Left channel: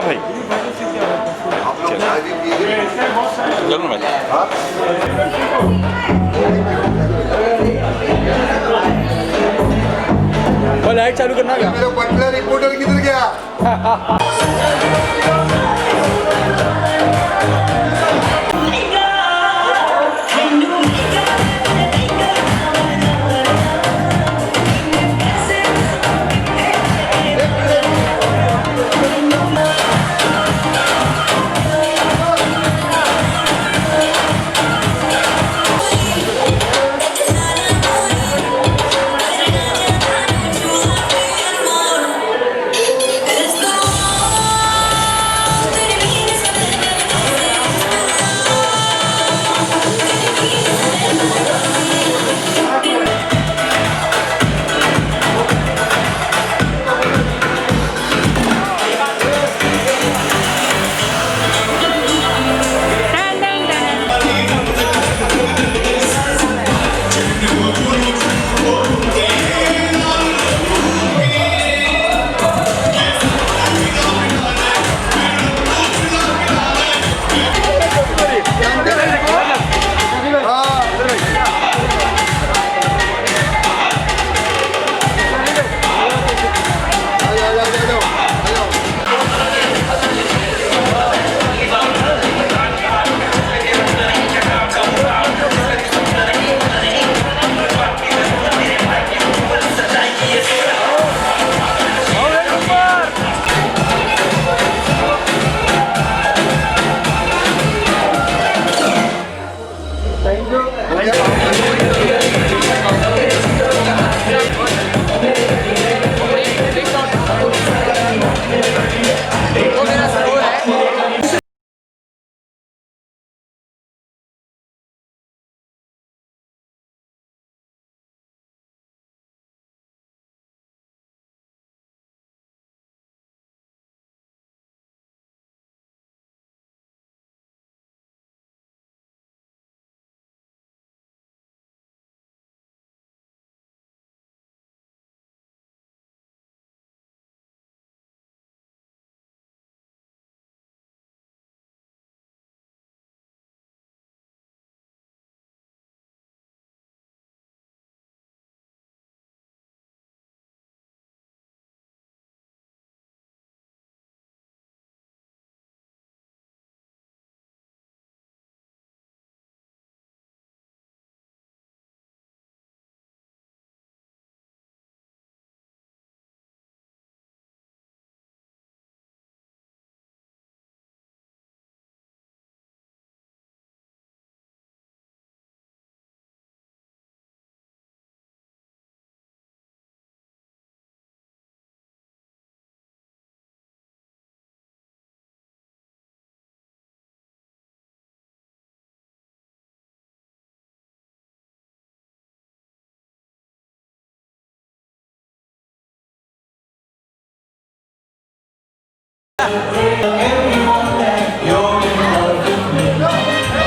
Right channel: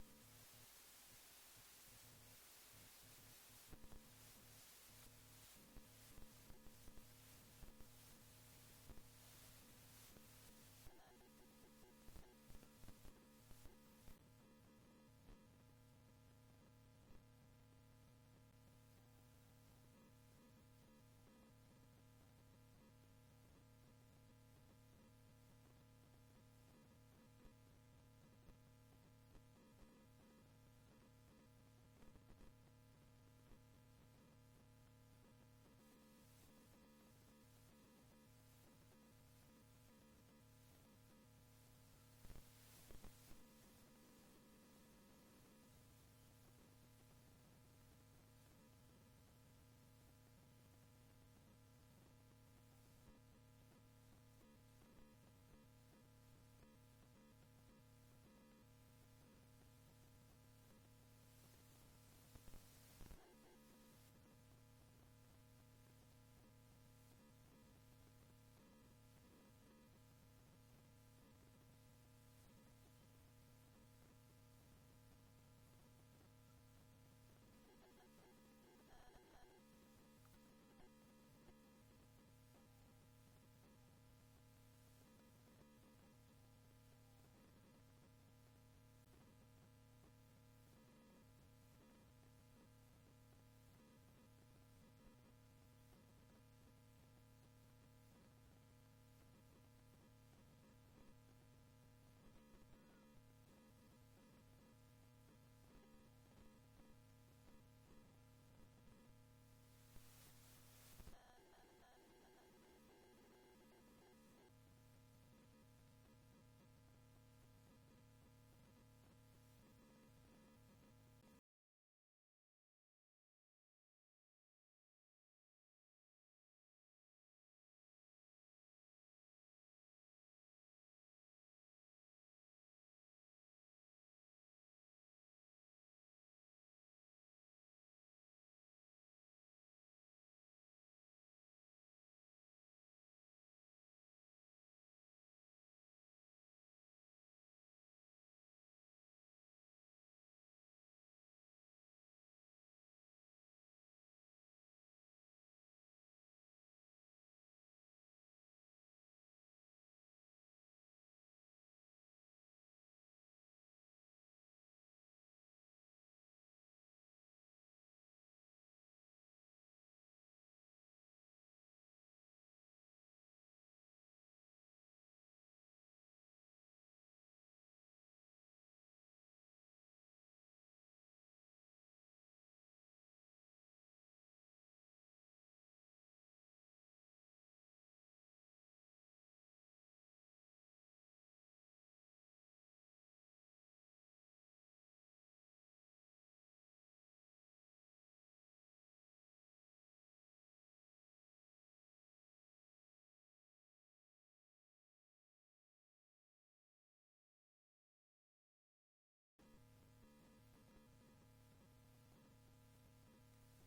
ना भाई, जरूर भाई। लाइट चालू करना क्या? मेरा बटलर रिपोर्टर किधर गया?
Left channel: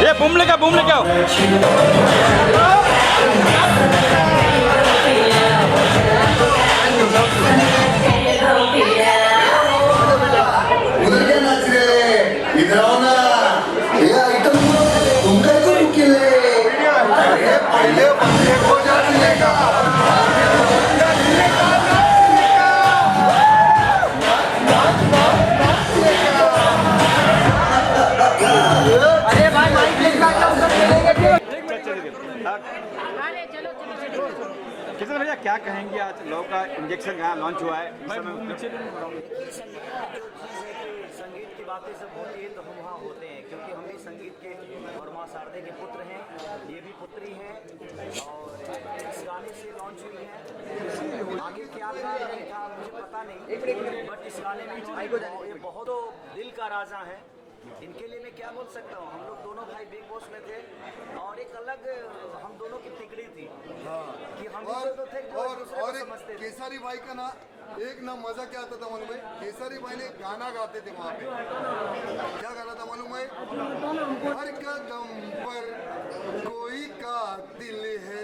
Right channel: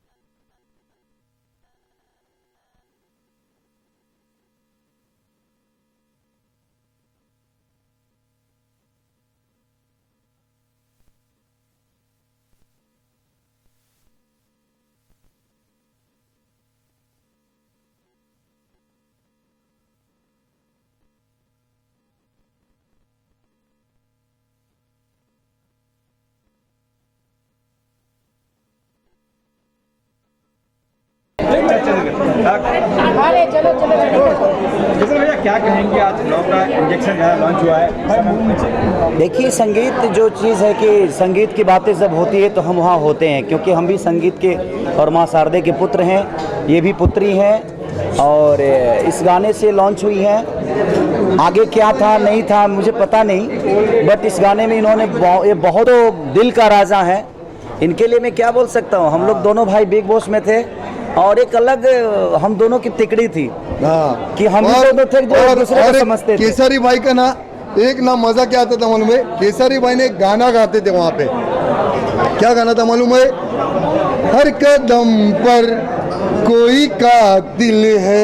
ये बूम लेके आओ। उधर क्या नाच रहे? इधर आओ ना। ये आइटम तुम क्या को निकले? अरे पहले बंदे को जा मिलेगा। किशन भैया क्या कहेंगे, आज लॉ का इंजेक्शन जो है लॉन्च हुआ है? देखिए, संगीत जो चीज़ है कि संगीत की बातें जब होती है तो हम वहाँ होते हैं, क्योंकि हम भी संगीत के और माँ शारदे के पुत्र हैं, ये भी पुत्री हैं और इस गाने से लॉन्च हुई है। आगे क्या था नहीं था मुझे पता नहीं, बट इस गाने में इन्होंने ये बहुत दिल का राजा है, इनके लिए मैं क्या बोल सकता हूँ। हम लोग दोनों भाई बिग बॉस में थे और एक अलग हम दोनों की तिकड़ी थी कि हम दोनों थे जो एक दूसरे को समझते थे। केसरी भाई का ना एक ना मजा क्या आता था मालूम है? केसरी भाई ने एक गाना गाते थे वहाँ पे, क्या गाना था मालूम है? हर कदम पर कोई कातिल है,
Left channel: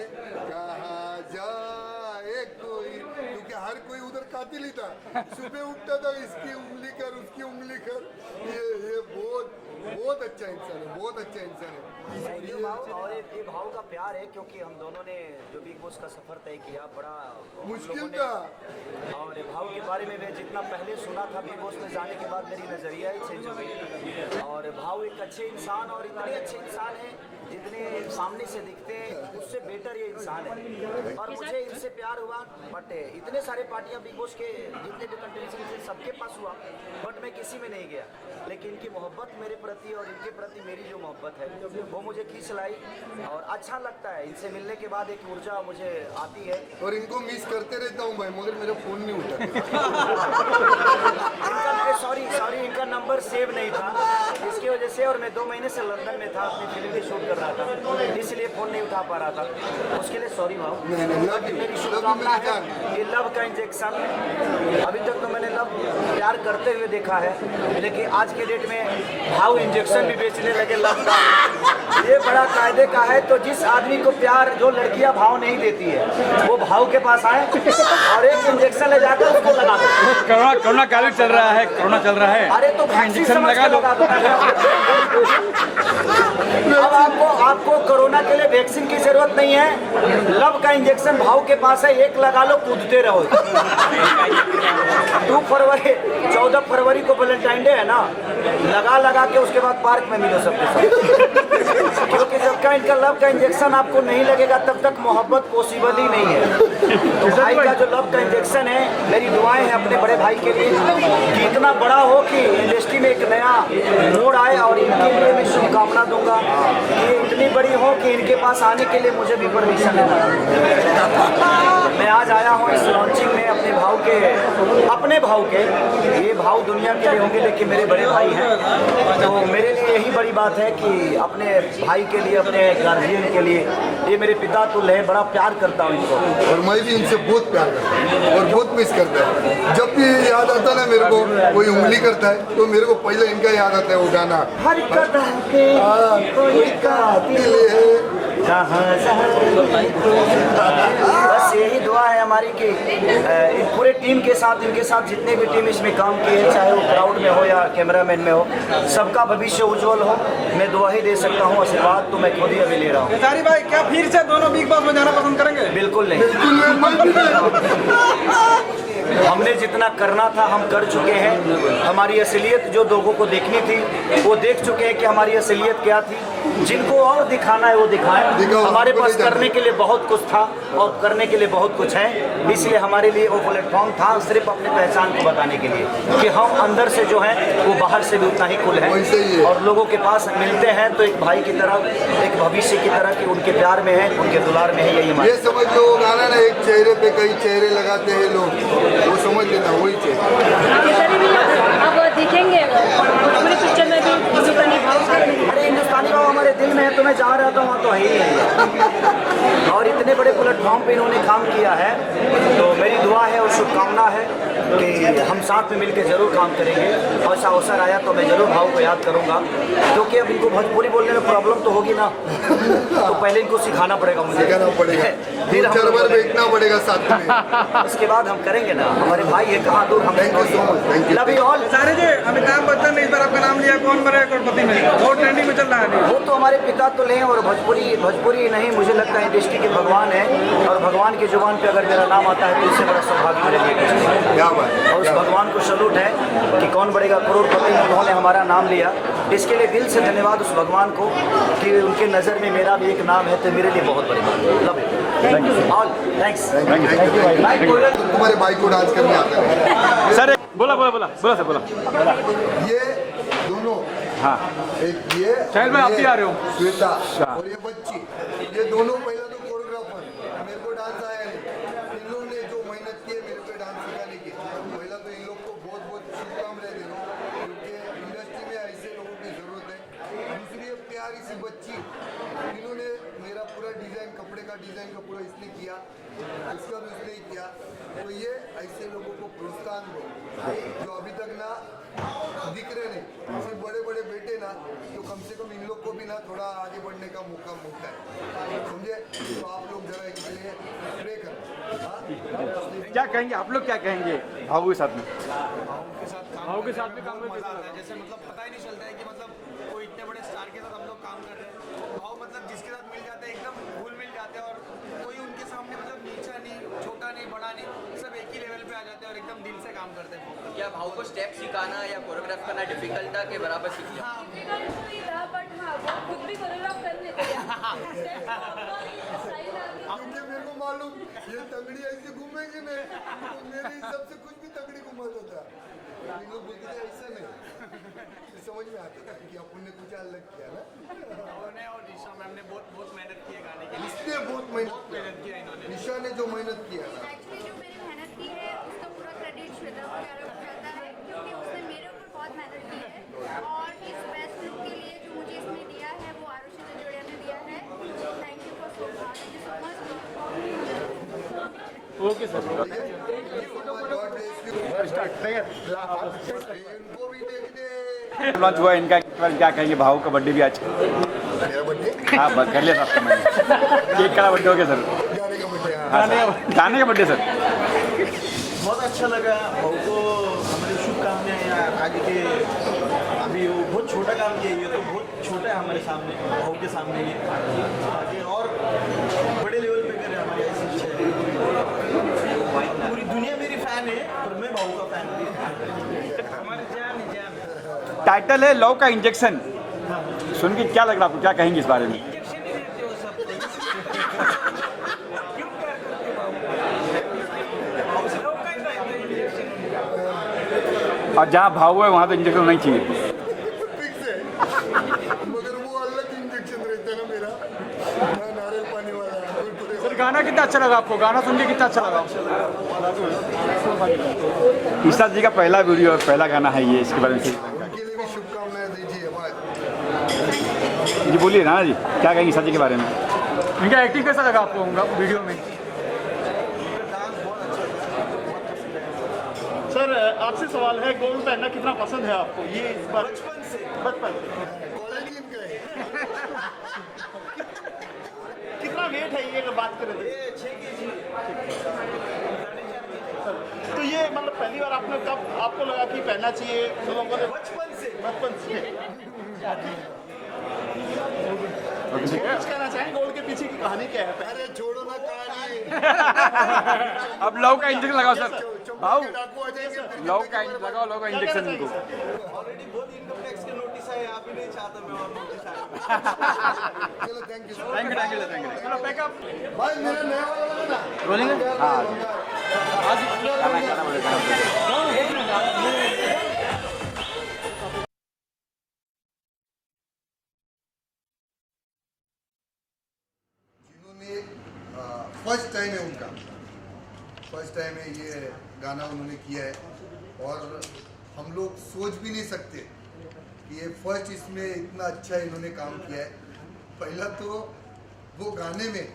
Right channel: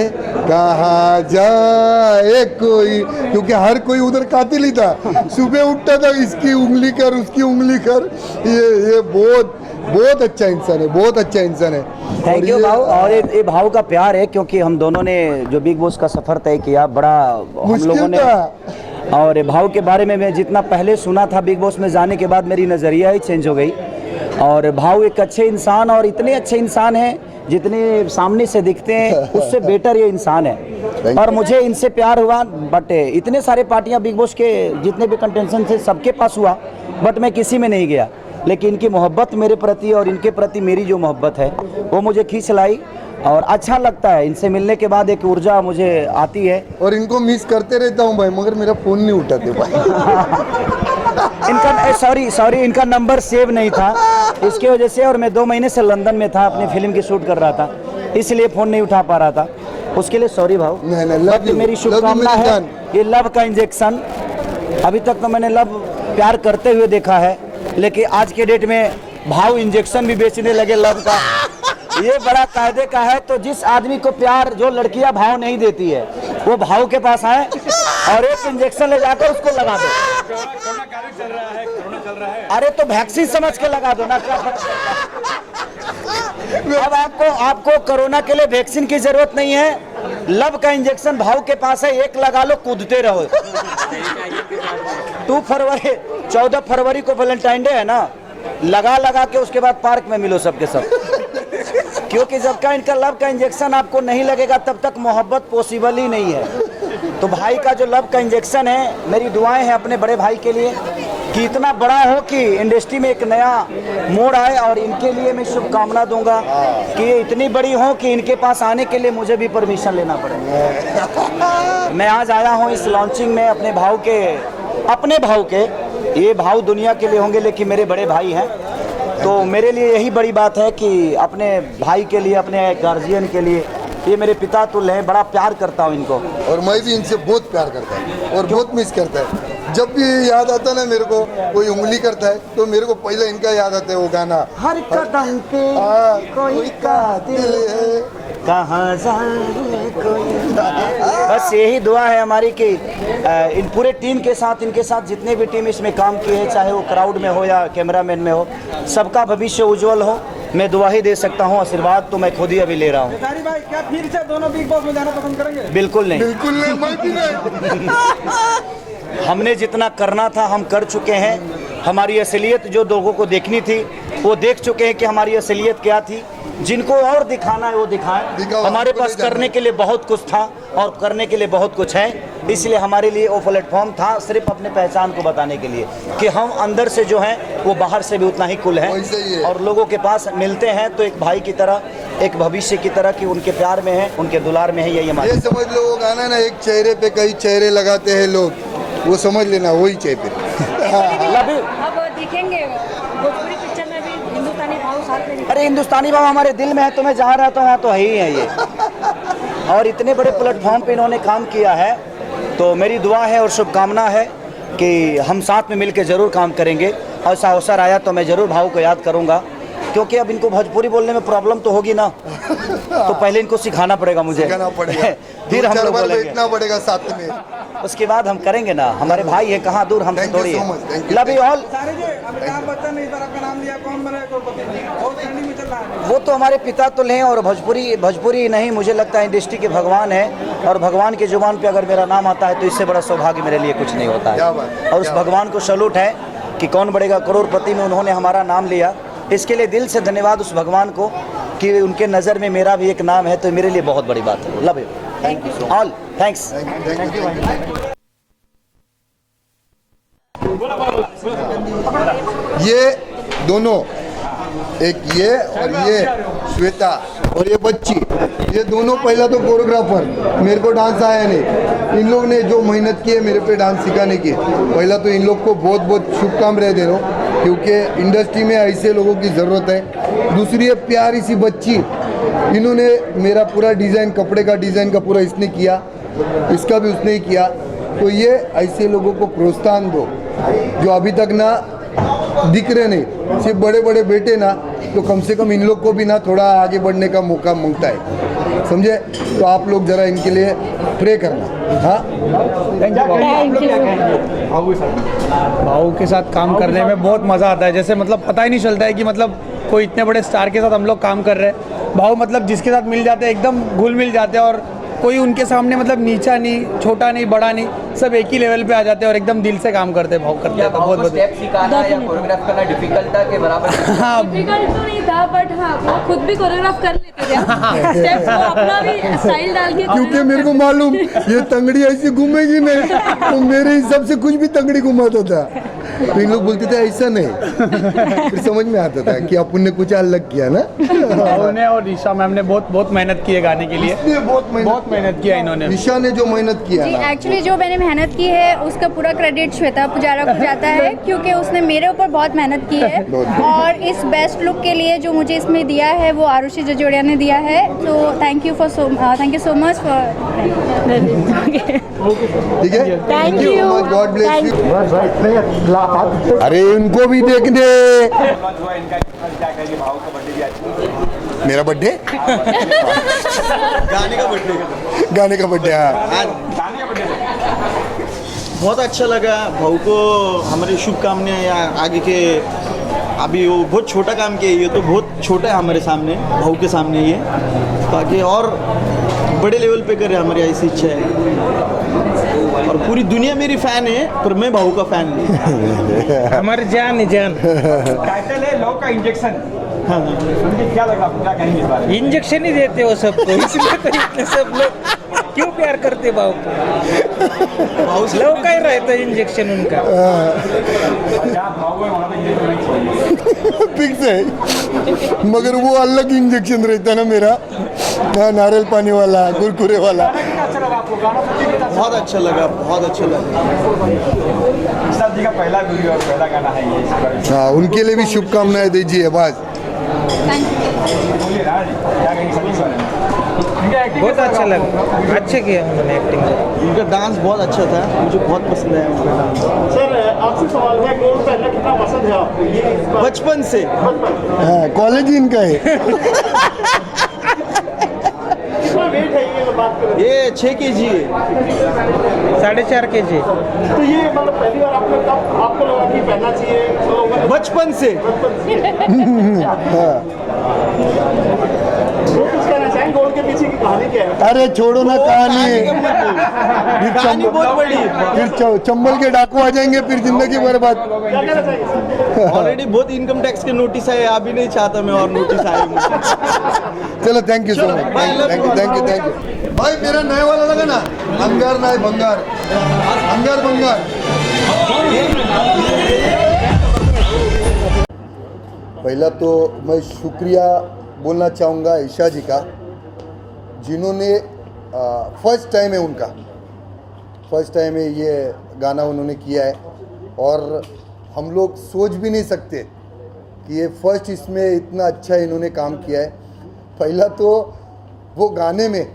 कहाँ जाए कोई, क्योंकि हर कोई उधर कातिल ही था। सुबह उठता था इसकी उंगली कर उसकी उंगली कर। ये बहुत बहुत अच्छा इंसान है, बहुत अच्छा इंसान है। थैंक यू भाव। और ये भाव का प्यार है, क्योंकि हम दोनों ने जो बिग बॉस का सफर तय किया बड़ा हम लोगों मुश्किल ने, था। और भाव के बारे में मैं जितना पहले सुना था बिग बॉस में जाने के बाद मेरी नज़रिया ही चेंज हो गई। और भाव एक अच्छे इंसान, और इतने अच्छे इंसान हैं जितने सामने से दिखते हैं उससे बेटर ये इंसान है। और मुझे इनसे प्यार हुआ, बट इतने सारे पार्टियां बिग बॉस के जितने भी कंटेस्टेंट थे सबके पास हुआ, बट मैं किसी में नहीं गया। लेकिन इनकी मोहब्बत मेरे प्रति और इनके प्रति मेरी जो मोहब्बत है वो मुझे खींच लाई, और अच्छा लगता है। इनसे मिलने के बाद एक ऊर्जा मुझे आती है। और इनको मिस करते रहता हूँ भाई, मगर मेरा फोन नहीं उठाते भाई। इनका सॉरी इनका नंबर सेव नहीं था, इसकी वजह से। और मैं 2 महीने से लंदन में था, अपनी फिल्म की शूट कर रहा था, इसलिए फ़ोन नहीं उठा पा रहा था। उसके लिए सॉरी भाव। नहीं, मेरी शुभकामना है ये लव का इंजेक्शन। अभी तक तो मैंने लव प्यार करते हुए देखा है, लेकिन आज के डेट में भाव इंजेक्शन भी बेचने लगे लव का। ये बड़ा कायदे का है। तो जिस आदमी को प्यार जो लड़कियां भाव नहीं देती है वो भाव के पास आए और एक इंजेक्शन ले जाकर उसको लगा दो। कोरोना काल चल रहा है, कोरोना चल रहा है। अरे तो वैक्सीन समझ के लगा दो ना। अब आपको कोरोना के लिए वैक्सीन की जरूरत नहीं है, लव का इंजेक्शन भाव के पास है, एक लगा लो, कूदते रहो। 14 फरवरी को वैलेंटाइन डे है ना, लगा के उसके बाद पार्क में मिलो सबके साथ। क्योंकि जब तक इनका लव का इंजेक्शन आपको नहीं लगेगा तब तक मोहब्बत पॉसिबल ही नहीं है। तो भाई का जो लव का इंजेक्शन है, मेरी दुआएं हैं अपने बड़े भाई के लिए कि इतना बड़ा हो कि इंडस्ट्री में एक नया मोड़ आए। और इनके लिए मैं शुभकामना दूंगा कि ये इतनी बड़ी हो कि इनके पास आने के लिए मुझे भी परमिशन लेना पड़े। मैं आज आया हूँ इस लॉन्चिंग में अपने भाव के। ये भाव दुनिया के लिए होंगे लेकिन मेरे बड़े भाई हैं, तो मेरे लिए यही बड़ी बात है कि अपने भाई के लिए, अपने गार्जियन के लिए, ये मेरे पिता तुल्य हैं, बड़ा प्यार करता हूँ इनको। और मैं भी इनसे बहुत प्यार करता हूँ और बहुत मिस करता है। जब भी याद आता ना मेरे को, कोई उंगली करता है तो मेरे को पहले इनका याद आता है वो गाना, हर कदम पे कोई कातिल है। कहाँ जाए। बस यही दुआ है हमारी कि इन पूरे टीम के साथ, इनके साथ जितने भी टीम इसमें काम किए हैं, चाहे वो क्राउड में हो या कैमरामैन में हो, सबका भविष्य उज्जवल हो। मैं दुआ ही दे सकता हूँ, आशीर्वाद तो मैं खुद ही अभी ले रहा हूँ। क्या फिर से दोनों बिग बॉस में जाना पसंद करेंगे? बिल्कुल नहीं। बिल्कुल हमने जितना करना था हम कर चुके हैं। हमारी असलियत जो लोगों को देखनी थी वो देख चुके हैं कि हमारी असलियत क्या थी। जिनको और दिखाना है वो दिखाएं। हमारे पास करने के लिए बहुत कुछ था और करने के लिए बहुत कुछ है, इसलिए हमारे लिए वो प्लेटफॉर्म था सिर्फ अपने पहचान को बताने के लिए कि हम अंदर से जो हैं वो बाहर से भी उतना ही कुल है। और लोगों के पास मिलते हैं तो एक भाई की तरह, एक भविष्य की तरह कि उनके प्यार में है, उनके दुलार में है। यही हमारे, ये समझ लो वो गाना ना, एक चेहरे पे कई चेहरे लगाते हैं लोग, वो समझ लेना वही चेहरे। अरे हिंदुस्तानी बाबा हमारे दिल में है, तो मैं जहाँ रहता हूँ वहाँ तो है ही है ये। और इतने बड़े प्लेटफॉर्म पे इन्होंने काम किया है, तो मेरी दुआ है और शुभकामना है कि हम साथ में मिलकर ज़रूर काम करेंगे। ऐसा अवसर आया तो मैं ज़रूर भाव को याद करूँगा, क्योंकि अब इनको भोजपुरी बोलने में प्रॉब्लम तो होगी ना, तो पहले इनको सिखाना पड़ेगा मुझे, फिर हम 2-4 बार बैठना पड़ेगा साथ में, उसके बाद हम करेंगे ना। हमारे भाई है, कहाँ दूर हमसे थोड़ी है। Love you all. Amitabh Bachchan ने इस बार आपका नाम लिया, कौन बनेगा करोड़पति में? वो ट्रेंडिंग में चल रहा है। वो तो हमारे पिता तो लें, और भोजपुरी नहीं, मुझे लगता है इंडस्ट्री के भगवान है, और भगवान के जुबान पे अगर मेरा नाम आता है तो इससे बड़ा सौभाग्य मेरे लिए कुछ नहीं होता। और उस भगवान को सैल्यूट है कि कौन बढ़ेगा करोड़पति में उन्होंने हमारा नाम लिया। इसके लिए दिल से धन्यवाद उस भगवान को कि उनके नज़र में मेरा भी एक नाम है, तो मेरे लिए बहुत बड़ी बात है। Love you all, thanks. तुम्हारे भाई को डांस करने आता है सर? बोला। ये दोनों, एक ये और ये श्वेता और ये बच्ची, ये दोनों पहला तो कोरियोग्राफर, मेरे को डांस आया नहीं। इन लोग ने जो मेहनत की है मेरे पे डांस सिखाने की, पहला तो इन लोग को बहुत बहुत शुभकामनाएं दे रहा हूँ, क्योंकि इंडस्ट्री में ऐसे लोगों की ज़रूरत है। दूसरी है प्यारी सी बच्ची, इन्होंने मेरा पूरा डिज़ाइन, कपड़े का डिज़ाइन का पूरा इसने किया, इसका भी उसने ही किया। तो ये ऐसे लोगों को प्रोत्साहन दो जो अभी तक ना दिख रहे नहीं, सिर्फ बड़े बड़े बेटे ना, तो कम से कम इन लोग को भी ना थोड़ा आगे बढ़ने का मौका मिलता है। समझे? तो आप लोग ज़रा इनके लिए प्रे करना। हाँ, भाऊ के साथ काम करने में बहुत मज़ा आता है। जैसे मतलब पता ही नहीं चलता है कि मतलब कोई इतने बड़े स्टार के साथ हम लोग काम कर रहे हैं। भाऊ मतलब जिसके साथ मिल जाते हैं एकदम घुल मिल जाते हैं, और कोई उनके सामने मतलब नीचा नहीं, छोटा नहीं, बड़ा नहीं, सब एक ही लेवल पे आ जाते हैं और एकदम दिल से काम करते हैं। भाऊ करते हैं तो बहुत बहुत स्टेप सिखाना या कोरियोग्राफ करना डिफिकल्ट था के बराबर? हाँ, डिफिकल्ट तो नहीं था, बट हाँ वो खुद भी कोरियोग्राफ कर लेते थे। स्टेप्स को अपना भी स्टाइल डाल के, क्योंकि मेरे को मालूम ये तंगड़ी ऐसी घूमेगी नहीं, तो मेरे हिसाब से कुछ भी तंगड़ी घुमाता था। तो इन लोग बोलते थे ऐसा नहीं, फिर समझ में आता था कि अपन ने कुछ अलग किया ना। भाऊ ने और ईशा मैम ने बहुत मेहनत की है गाने के लिए। इसलिए बहुत मेहनत किया इन्होंने। ईशा ने जो मेहनत किया जी, ना, एक्चुअली जो मैंने मेहनत की है उसका पूरा क्रेडिट श्वेता पुजारा को जाता है, क्योंकि उसने मेरे ऊपर बहुत मेहनत की है। और इस बेस्ट लुक के लिए जो मुझे इसमें दिया है वो आरुषि जजोड़िया ने दिया है। तो thank you so much for. ठीक है, Thank you. God bless you. अरे इनको भी देख दे। लॉन्च हुआ इनका, क्या कहेंगे? भाव का बर्थडे भी आज। मेरा बर्थडे, गाने का बर्थडे हो गया सर। गाने का बर्थडे। गाने का बर्थडे सर। बहुत अच्छा लगा। भाऊ को हमारी शुभकामनाएं आगे के। अभी वो बहुत छोटा काम किया, ये तो बहुत छोटा है हमारे सामने, भाऊ के सामने ये, ताकि और बड़े लेवल पे करे, हमारी ऐसी इच्छा है। और पूरी दुनिया मेरी फ़ैन है, पर मैं भाऊ का फ़ैन नहीं। हमारे जान टाइटल है लव का इंजेक्शन। हाँ, सुन के क्या लगा आपको? क्या कहेंगे इस बारे में? इंजेक्शन ही देते हो सबको, इसलिए तो इतने सब लोग क्यों प्यार करते भाऊ को? लव का ही रहता है इंजेक्शन उनका। और जहाँ भाव है वहाँ तो इंजेक्शन होना ही चाहिए। फिक्स है, मगर वो अलग इंजेक्शन रहता है ना मेरा, हाँ, नारियल पानी वाला, कुरकुरे वाला। गाना कितना अच्छा लगा आपको? गाना सुन के कितना अच्छा बहुत अच्छा लगा, बहुत अच्छा लगा। विशाल जी का पहला वीडियो और पहला गाना है ये, इसके बारे में हाँ, उनके लिए भी शुभकामनाएं दीजिए। बस जी बोलिए ना जी, क्या कहेंगे विशाल जी के बारे में? इनका एक्टिंग कैसा अच्छा लगा? लगा, अच्छे किया उन्होंने एक्टिंग। उनका डांस बहुत अच्छा था, मुझे बहुत पसंद आया उनका डांस। सर आपसे सवाल है, कौन पहनना कितना पसंद है आपको? ये बचपन से हाँ, कॉलेज ही इनका है। कितना वेट है ये बात करें? ये 6 kg है। 4.5 kg। तो ये मतलब पहली बार आपने कब आपको लगा कि पहनना चाहिए? तो बचपन से। कुछ कहना चाहेंगे, गोल के पीछे की कहानी क्या है? अरे छोड़ो ना कहानी, कहानी बहुत बड़ी है। फिर चंबल के डाकू आ जाएंगे, फिर जिंदगी बर्बाद। क्या कहना चाहिए सर? ऑलरेडी बहुत इनकम टैक्स के नोटिस आए, अभी नहीं चाहता मैं और नोटिस आए मुझे। चलो, thank you so much, thank you. भाई मेरा नया वाला लगा ना, अंगार ना बंगार, अंगार बंगार। पहला तो मैं शुक्रिया बोलना चाहूँगा ईशा जी का, जिन्होंने फर्स्ट टाइम है उनका, फर्स्ट टाइम है ये गाना उन्होंने किया है, और हम लोग सोच भी नहीं सकते कि ये फर्स्ट इसमें इतना अच्छा इन्होंने काम किया है। पहला तो वो गाने में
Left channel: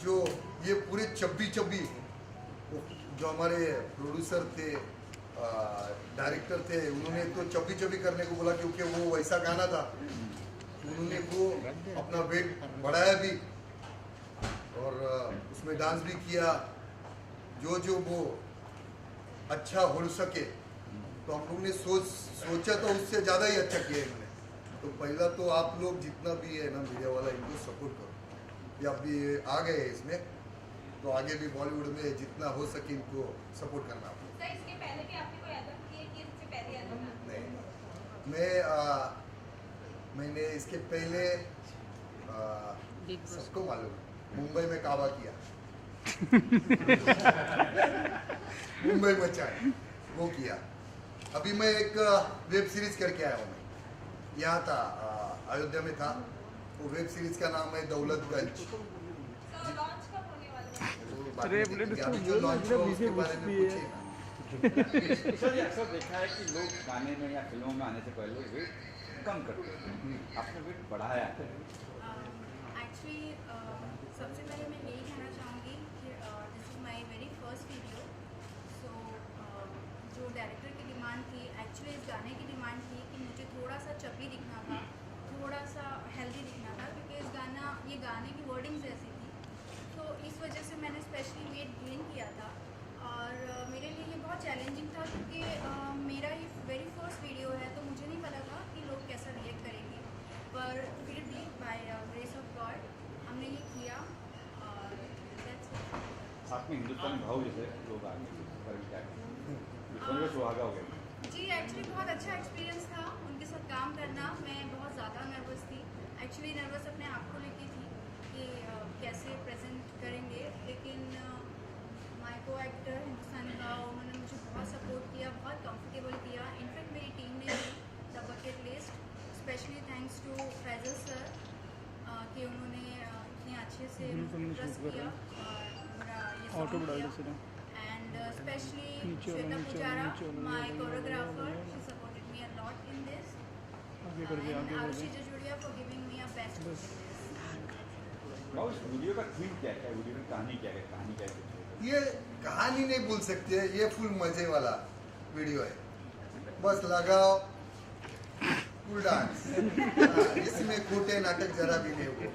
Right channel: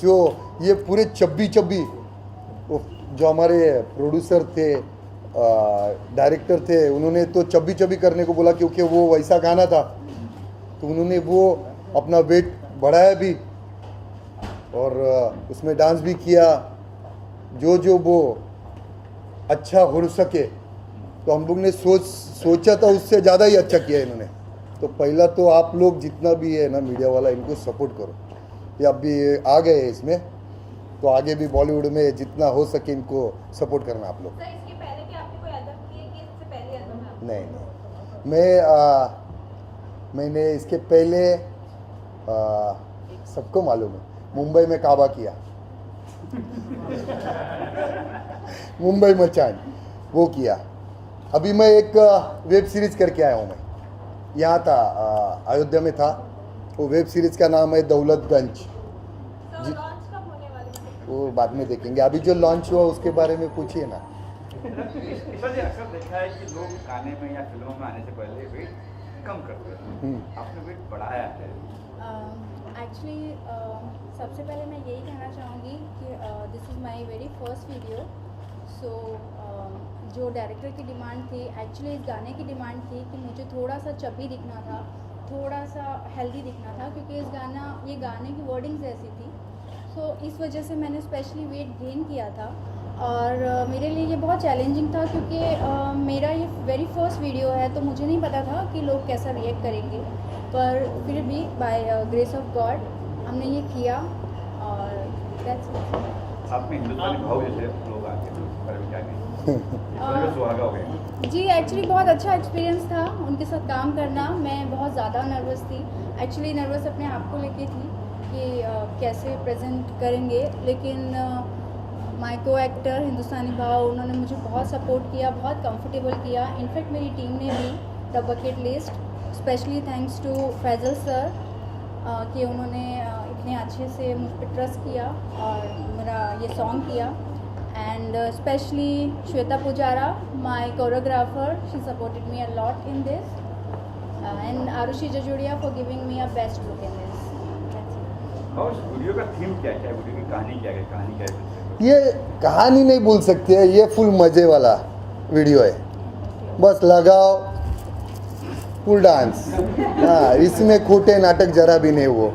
जो ये पूरे चब्बी वो जो हमारे प्रोड्यूसर थे, डायरेक्टर थे, उन्होंने तो चब्बी करने को बोला, क्योंकि वो वैसा गाना था, तो उन्होंने वो अपना वेट बढ़ाया भी और उसमें डांस भी किया, जो वो अच्छा हो सके। तो हम लोग ने सोचा था उससे ज़्यादा ही अच्छा किया इन्होंने। तो पहला तो आप लोग जितना भी है ना मीडिया वाला, इनको सपोर्ट करो। ये अभी आ गए इसमें, तो आगे भी बॉलीवुड में जितना हो सके इनको सपोर्ट करना आप लोग। इसके पहले भी आपने कोई एल्बम की है कि इससे पहले एल्बम है? नहीं, मैंने इसके पहले सबको मालूम है, मुंबई में काबा किया। मुंबई मचान वो किया। अभी मैं एक वेब सीरीज करके आया हूँ। मैं यहाँ था, अयोध्या में था। वो वेब सीरीज का नाम है दौलतगंज। लॉन्च कब होने वाला है? वो बाद में देखेंगे, अभी जो लॉन्च हुआ उसके बारे में पूछिए ना। सर जी, अक्सर देखा है कि लोग गाने में या फिल्मों में आने से पहले वेट कम करते हैं, आपने वेट बढ़ाया है। एक्चुअली सबसे पहले मैं यही कहना चाहूँगी कि this is my very first video. So जो डायरेक्टर की डिमांड थी, एक्चुअली इस गाने की डिमांड थी कि मुझे थोड़ा सा चपी दिखना था, थोड़ा सा हेल्दी दिखना था, क्योंकि ये गाने की वर्डिंग्स ऐसी थी, तो इस वजह से मैंने स्पेशली वेट गेन किया था। और मेरे लिए ये बहुत चैलेंजिंग था, क्योंकि मेरा ये वेरी फर्स्ट वीडियो है, तो मुझे नहीं पता था कि लोग कैसा रिएक्ट करेंगे, पर फिर भी बाय ग्रेस ऑफ गॉड हमने ये किया और that's it. साथ में हिंदुस्तानी भाव जैसे लोग आके तो पर क्या कहें सुहागा हो गए जी, एक्चुअली बहुत अच्छा एक्सपीरियंस था उनके साथ काम करना। मैं बहुत ज़्यादा नर्वस थी, एक्चुअली नर्वस अपने आप को लेके थी कि कैसे प्रेजेंट करेंगे, लेकिन माय को एक्टर हिंदुस्तानी भाव उन्होंने मुझे बहुत सपोर्ट किया, बहुत कंफर्टेबल किया। इनफैक्ट मेरी टीम ने भी the bucket list, specially thanks to Faisal sir कि उन्होंने इतने अच्छे से मुझ पर ट्रस्ट किया और मेरा ये सॉन्ग किया। And specially Shweta Pujara, my choreographer, she supported me a lot in this, and Arushi Jajodia for giving me a best look in this. और वीडियो का थीम क्या है, वीडियो की कहानी क्या है, कहानी क्या है? ये कहानी नहीं बोल सकते हैं, ये फुल मज़े वाला वीडियो है, बस लगाओ फुल डांस। हाँ, इसमें खोटे नाटक जरा भी नहीं वो।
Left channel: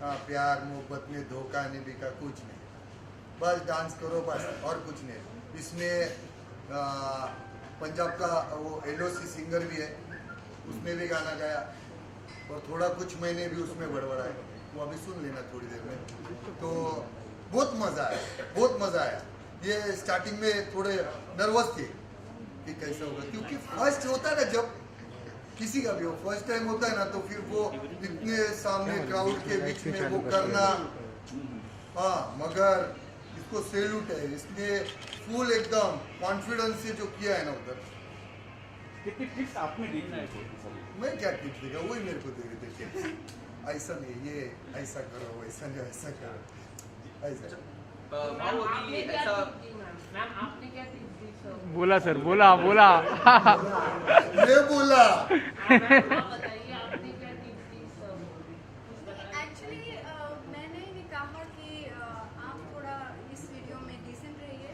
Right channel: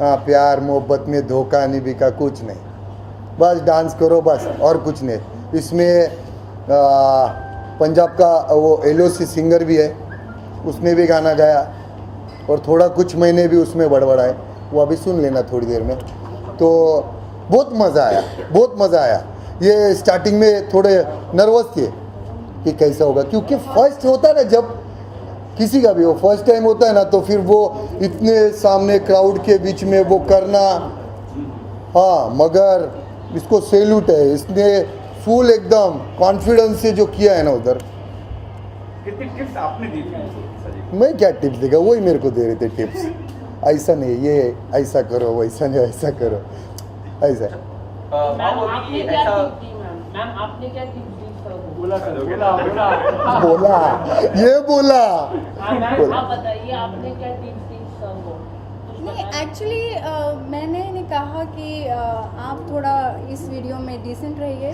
हाँ, प्यार मोहब्बत में धोखा नहीं बिका, कुछ नहीं, बस डांस करो बस, और कुछ नहीं। इसमें पंजाब का वो LOC सिंगर भी है, उसने भी गाना गाया और थोड़ा कुछ महीने भी उसमें बड़बड़ाए, वो अभी सुन लेना थोड़ी देर में। तो बहुत मज़ा आया, बहुत मज़ा आया। ये स्टार्टिंग में थोड़े नर्वस थे कि कैसा होगा, क्योंकि फर्स्ट होता है ना, जब किसी का भी वो फर्स्ट टाइम होता है ना, तो फिर वो इतने सामने क्राउड के बीच में वो करना, हाँ, मगर इसको सैल्यूट है, इसने फुल एकदम कॉन्फिडेंस से जो किया है ना उधर। कितनी टिप्स आपने दी थी? मैं क्या टिप्स देगा, वही मेरे को दे रहे थे टिप्स, ऐसा नहीं, ये ऐसा करो, वैसा नहीं, ऐसा करो, ऐसा। बोला सर, बोला बोला, ये बोला। आप बताइए आपने क्या नहीं, एक्चुअली मैंने कहा कि आप थोड़ा इस वीडियो में डिसेंट रहिए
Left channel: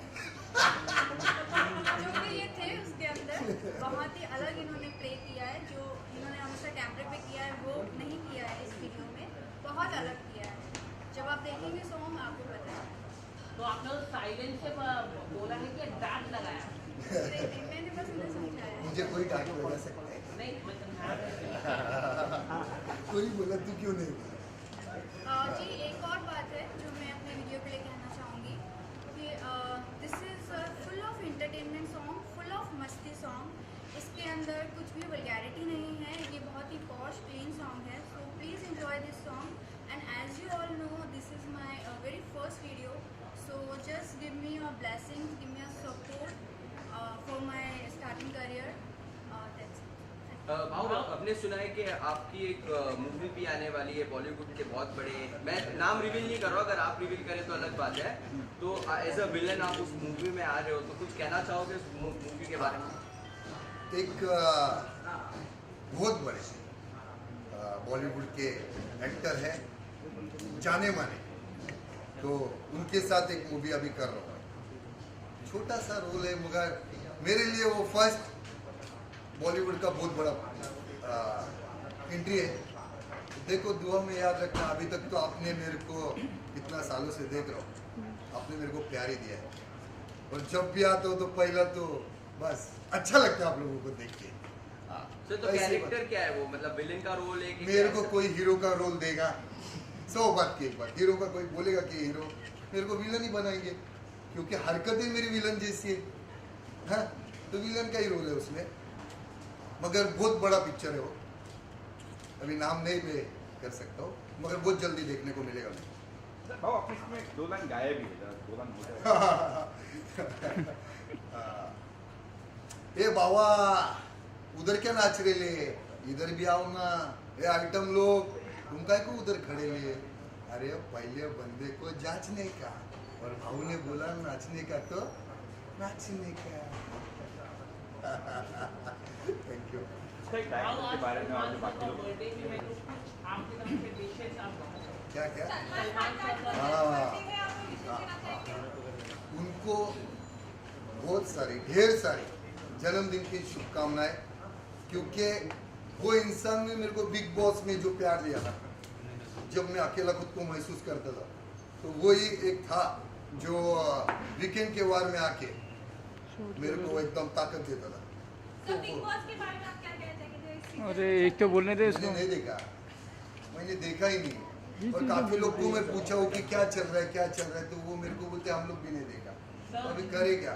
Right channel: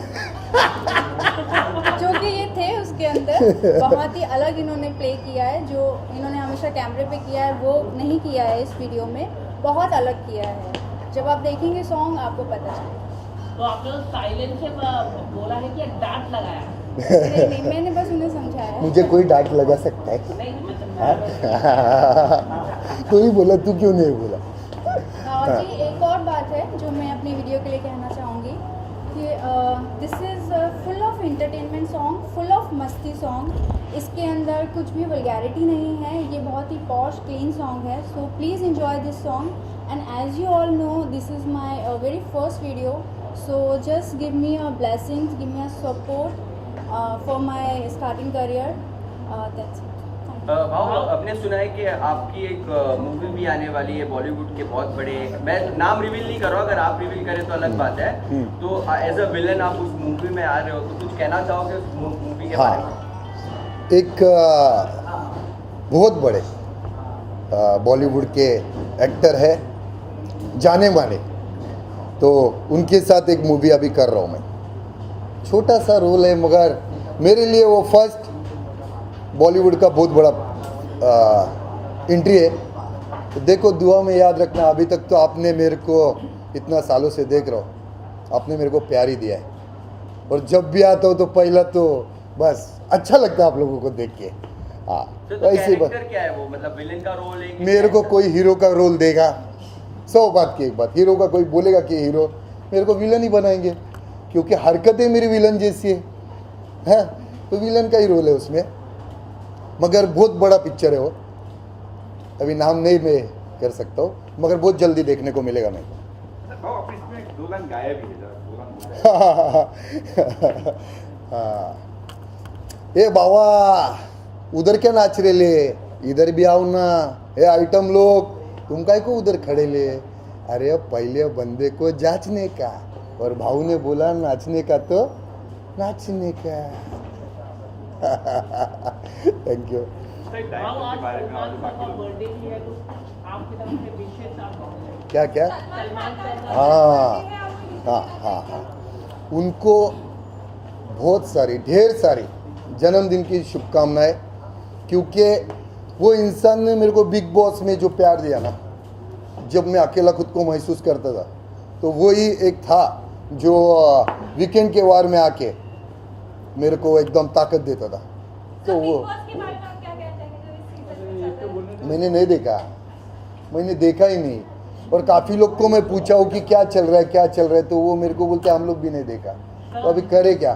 जो कि ये थे उसके अंदर बहुत ही अलग इन्होंने प्ले किया है, जो इन्होंने हमेशा कैमरे पे किया है वो नहीं किया है इस वीडियो में, बहुत अलग किया है। जब आप देखेंगे सॉन्ग आपको पता चलेगा। तो आपने साइलेंस से बोला है कि डांट लगाया? नहीं, मैंने बस उन्हें समझाया। मुझे कोई डांट लगा सकता है? नहीं मतलब तू ही बोला, तू क्यों नहीं बोला? जी, एक और बात है जो मैं अपनी वीडियो के लिए कहना चाहूँगी कि this is full of entertainment song, full of मस्ती सॉन्ग। इसके अंदर कुछ भी वल्गैरिटी नहीं है, ये बहुत ही पॉश क्लीन सॉन्ग है। So please enjoy this song, and as you all know this is my very first video, so just give me a blessings, give me a support for my starting career. That's it. भाव, आपने सुना है कि आपकी एक movie भी आने वाली है बॉलीवुड के बहुत बड़े, मैं नाम रिवील नहीं कर रहा हूँ, अगर आप रिवील करें तो अलग बात है। तो एज अ विलन आप उस मूवी में आ रहे हो, तो कुछ कहना चाहोगे उस मूवी के बारे में? एक बहुत बड़े बॉलीवुड के एक्टर है, जाने माने, तो उनके साथ एक मूवी अभी कर रहा हूँ मैं। छोटा सा रोल है, मगर मेरे लिए वो फर्स्ट बॉलीवुड का बहुत बड़ा एंट्री है। तो देखो, दुआ में याद रखना। अभी तक तो आपने मेरे को इतना सालों से देख रहा हो, आपने मेरे को प्यार ही दिया है, और जब भी आता हो तो पहला तो बस अच्छा लगता है आप लोगों को देख के। हाँ, तो ऐसी बात क्या है वो, मतलब विलेन का रोल है? मेरे को कोई हीरो का रोल देगा, 100 बात की एक बात, हीरो का कोई बोलेगा कि हीरो, मेरे को विलन ही बनाएंगे, क्योंकि हरकतें मेरी विलन जैसी है, तो विलन का ही रोल है उसमें। मगर बहुत बड़ा पिक्चर है वो, अभी नाम नहीं मैं कर सकता हूँ, मगर बहुत जल्दी देखने को मिलेगा मेरे को। अपने इसमें 2 गान गाए भी है, 2 गान हाँ, ए बाबा उधर क्या नाच रहे ले, इधर भी आओ ना। ए आइटम लोग, तुम काय को उधर खड़े ले? अरे पहले बंदे को जांचने का, और भाऊ ने बोला नाचने का तो नाचने का। Thank you. क्या क्या? हाँ हाँ हाँ हाँ, उनको बहुत सारी, ढेर सारी जन्मदिन की शुभकामनाएं, क्योंकि वो इंसान ने मेरे को बिग बॉस में जो प्यार दिया ना, जब मैं अकेला खुद को महसूस करता था, तो वो ही एक था जो वीकेंड के वार में आके मेरे को एकदम ताकत देता था। तो वो मैंने नहीं देखा, मैंने देखा ही नहीं। और काफ़ी लोग को मैं पूछा हूँ कि क्या चल रहा है क्या चल रहा है, तो वो मेरे को बोलते हम लोग भी नहीं देखा। तो अभी करे क्या?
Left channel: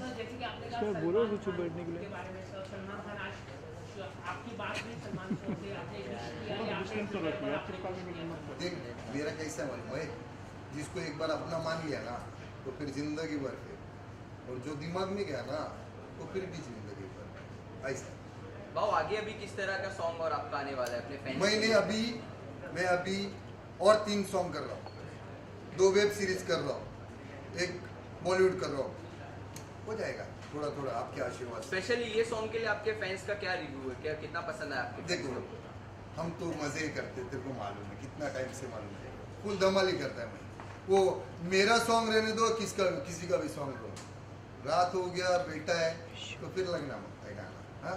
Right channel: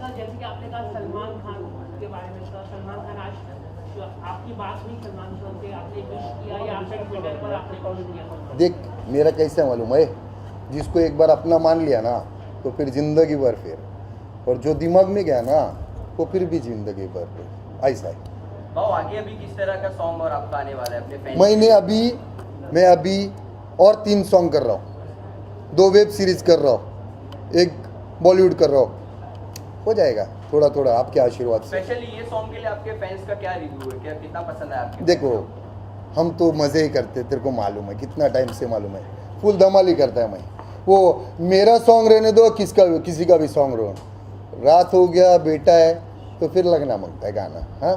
जैसे कि आपने कहा सलमान खान के बारे में, सलमान खान आज तो आपकी बात हुई सलमान खान से, आपने किया या आपने ट्विटर पर आपने कमेंट किया? देख मेरा कैसा मालूम है, जिसको एक बार अपना मान लिया ना तो फिर जिंदगी भर फिर, और जो दिमाग में गया ना वो फिर भी जिंदगी भर फिर ऐसा है। भाव आगे अभी किस तरह का सॉन्ग और आपका आने वाला है अपने फैन? मैं अभी और 3 सॉन्ग कर रहा हूँ, 2 वेब सीरीज कर रहा हूँ, 1 बॉलीवुड कर रहा हूँ, हो जाएगा थोड़ा थोड़ा आपके आशीर्वाद से। स्पेशली ये सॉन्ग के लिए आपके फैंस का क्या रिव्यू है, क्या कितना पसंद आया आपको? देखो हम तो मज़े ही करते, तेरे को मालूम है कितना टाइम से मालूम है, फुल धमाल ही करता है मैं। वो मेरा सॉन्ग रहने दो, किसी का भी सॉन्ग रहो, रात हो गया बेटा है तो फिर लगना मांगता है गाना। हाँ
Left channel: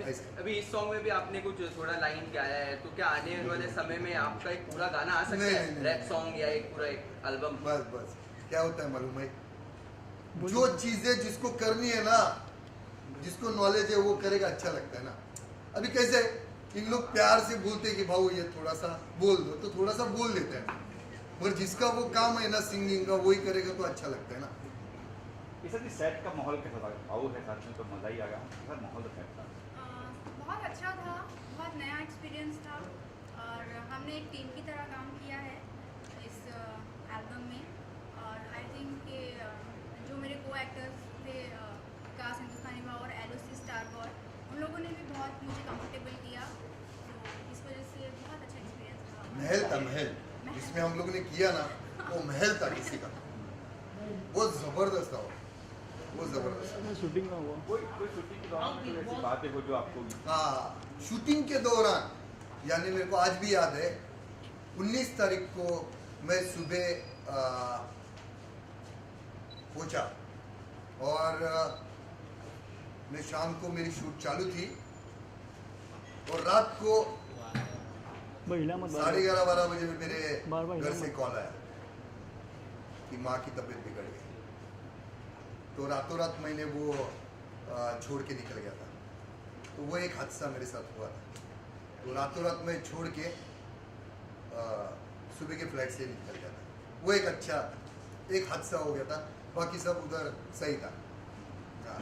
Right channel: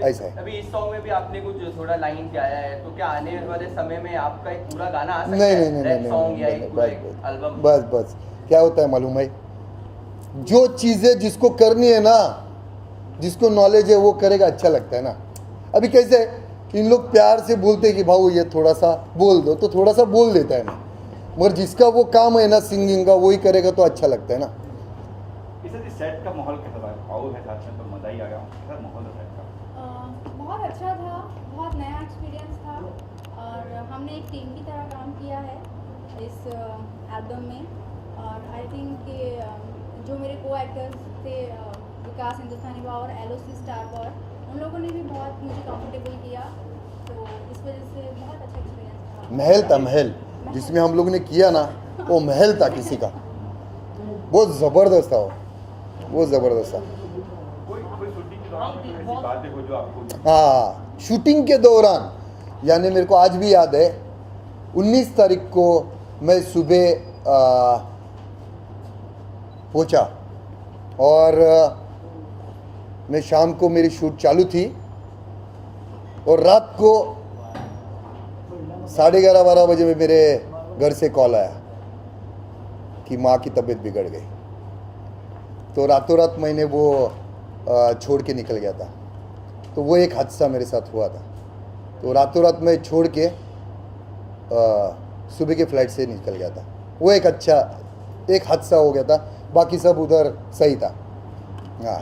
ऐसा है। अभी इस सॉन्ग में भी आपने कुछ थोड़ा लाइन गाया है, तो क्या आने वाले समय में आपका एक पूरा गाना आ सकता है? रैप सॉन्ग या एक पूरा एल्बम? बस क्या होता है मालूम है, जो चीज़ें जिसको करनी है ना, जिसको नॉलेज है वो करेगा, अच्छा लगता है ना। अभी कैसे इन लोग प्यार से बोलते हैं कि भाऊ ये थोड़ा सा बोल दो, तो थोड़ा सा बोल देता है मैं, मगर जिसका वो काम है ना सिंगिंग का वही करेगा तो अच्छा लगता है ना। सेट का माहौल कैसा था? भाऊ है साथ में तो मजा ही आ गया। कैसा माहौल था? बहुत अच्छा था, बहुत नया एक्सपीरियंस था, और हमने एक टीम की तरह काम किया है इस एल्बम में। और आई थिंक कि जो मेरे को एक्टर्स थे, विकास हिंदुस्तानी बा और LOC स्टार बॉय, उन लोगों ने भी बहुत मुझे कंफर्टेबल किया, तो इस वजह से बहुत अच्छा एक्सपीरियंस था। महल था, महल जिसमें हम लोग ने किया ना, वो महल था किसी का, बहुत ज़बरदस्त था वो ज़बरदस्त था। हाँ शूटिंग के दौरान, यानी मेरे को आज भी याद है 19 तारीख को मैं सुबह पहुंचा, और मैं शाम को मेरी शूट चालू थी, और रात को 11:30-12 बजे में मेरे घर से कॉल आया कि माँ की तबीयत बिगड़ गई। तो रातों रात मैंने वो छोड़ के निकल गया था। तो वो एक हादसा मेरे साथ हुआ था। तो रातों रात मैं छोड़ के सुबह के फ्लाइट से निकल गया था। वो एक अच्छा एक हादसा हो गया था, बाकी सब उधर सही था। हाँ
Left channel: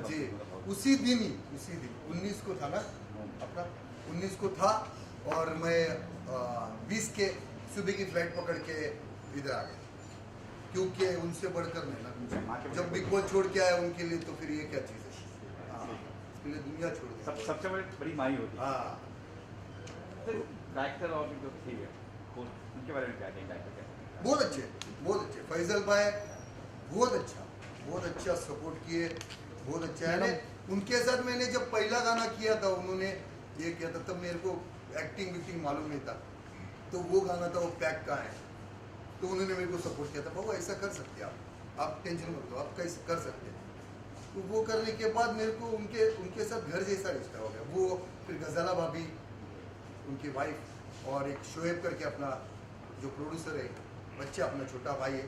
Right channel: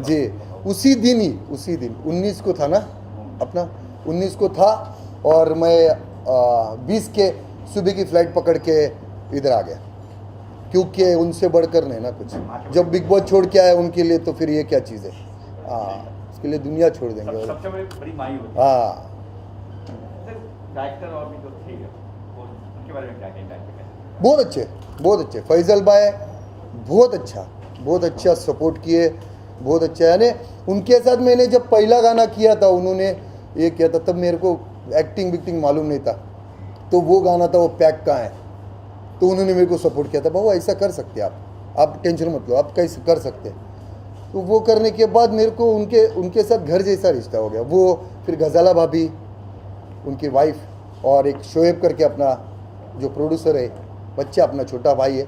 जी, उसी दिन 19 को था ना, अपना 19 को था, और मैं 20 के सुबह की फ्लाइट पकड़ के इधर आ गया, क्योंकि उनसे बढ़कर नहीं ना कुछ। जब बिग बॉस छोड़ के आया उनके लिए, तो फिर ये क्या चीज़ है। हाँ उसके लिए दुनिया छोड़ देंगे। सबसे बड़ी माई होती है। हाँ डायरेक्टर और भी जो ठीक है, उनके बारे में क्या कहें? डायरेक्टर बहुत अच्छे फैजल भाई, बहुत अच्छा सपोर्ट किए, बहुत अच्छा। यानी उनके साथ मैंने जब पहला गाना किया था, उन्होंने ये किया था, तब मेरे को एक्टिंग मालूम नहीं था। तो वो गाना था वो पैक का है, तो उन्होंने मेरे को सपोर्ट किया था, भाऊ ऐसा कर सकते आप टेंशन मत लो, आप कैसे कर सकते। तो वो करने के बाद मेरे को उनके साथ घर जैसा रिश्ता हो गया। वो फिर गजाला भाभी, उनकी वाइफ, और एक शोएब करके अपना जो प्रोड्यूसर है, बच्चा अपना छोटा भाई है,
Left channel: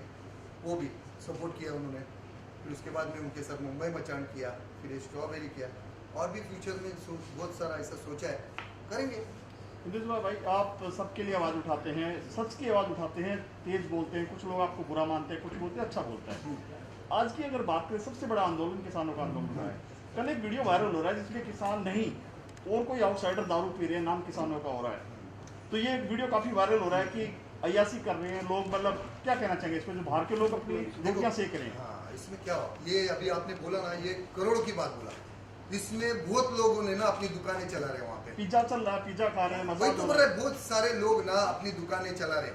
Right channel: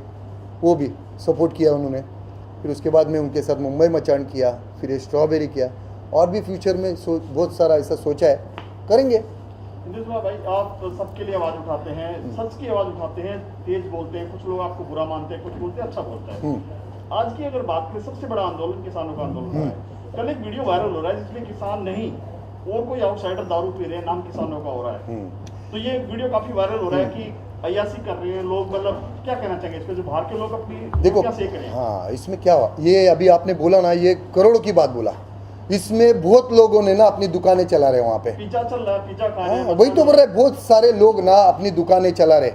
वो भी सपोर्ट किया उन्होंने। फिर उसके बाद में उनके साथ मुंबई मचान किया, फिर ये स्ट्रॉबेरी किया, और भी फ्यूचर में बहुत सारा ऐसा सोचा है, करेंगे। भाई आप तो सबके लिए आवाज़ उठाते हैं, सच की आवाज़ उठाते हैं, तेज बोलते हैं, कुछ लोग आपको बुरा मानते हैं, कुछ बोलते हैं अच्छा बोलते हैं। आज की अगर बात करें, सबसे बड़ा आंदोलन किसानों का आंदोलन है। कल एक वीडियो वायरल हो रहा है जिसमें किसान नहीं और कोई आउटसाइडर दारू पी रहे हैं, नाम किसानों का हो रहा है। तो ये वीडियो काफी वायरल हो रहा है कि अय्यासी कर रहे हैं लोग, मतलब क्या कहना चाहेंगे इस पे, जो बाहर के लोग अपनी देखो क्या सेक रहे हैं? हाँ इसमें क्या हुआ, ये अभी आपने बोला ना, ये करोड़ों की बात बोला। इसमें बहुत लोगों ने ना अपनी दुकानें चला रहे वहाँ पे, पिज्जा चल रहा है, पिज्जा खा रहे हैं। वही तो बोल रहे, बहुत सारे लोग ना अपनी दुकानें चला रहे।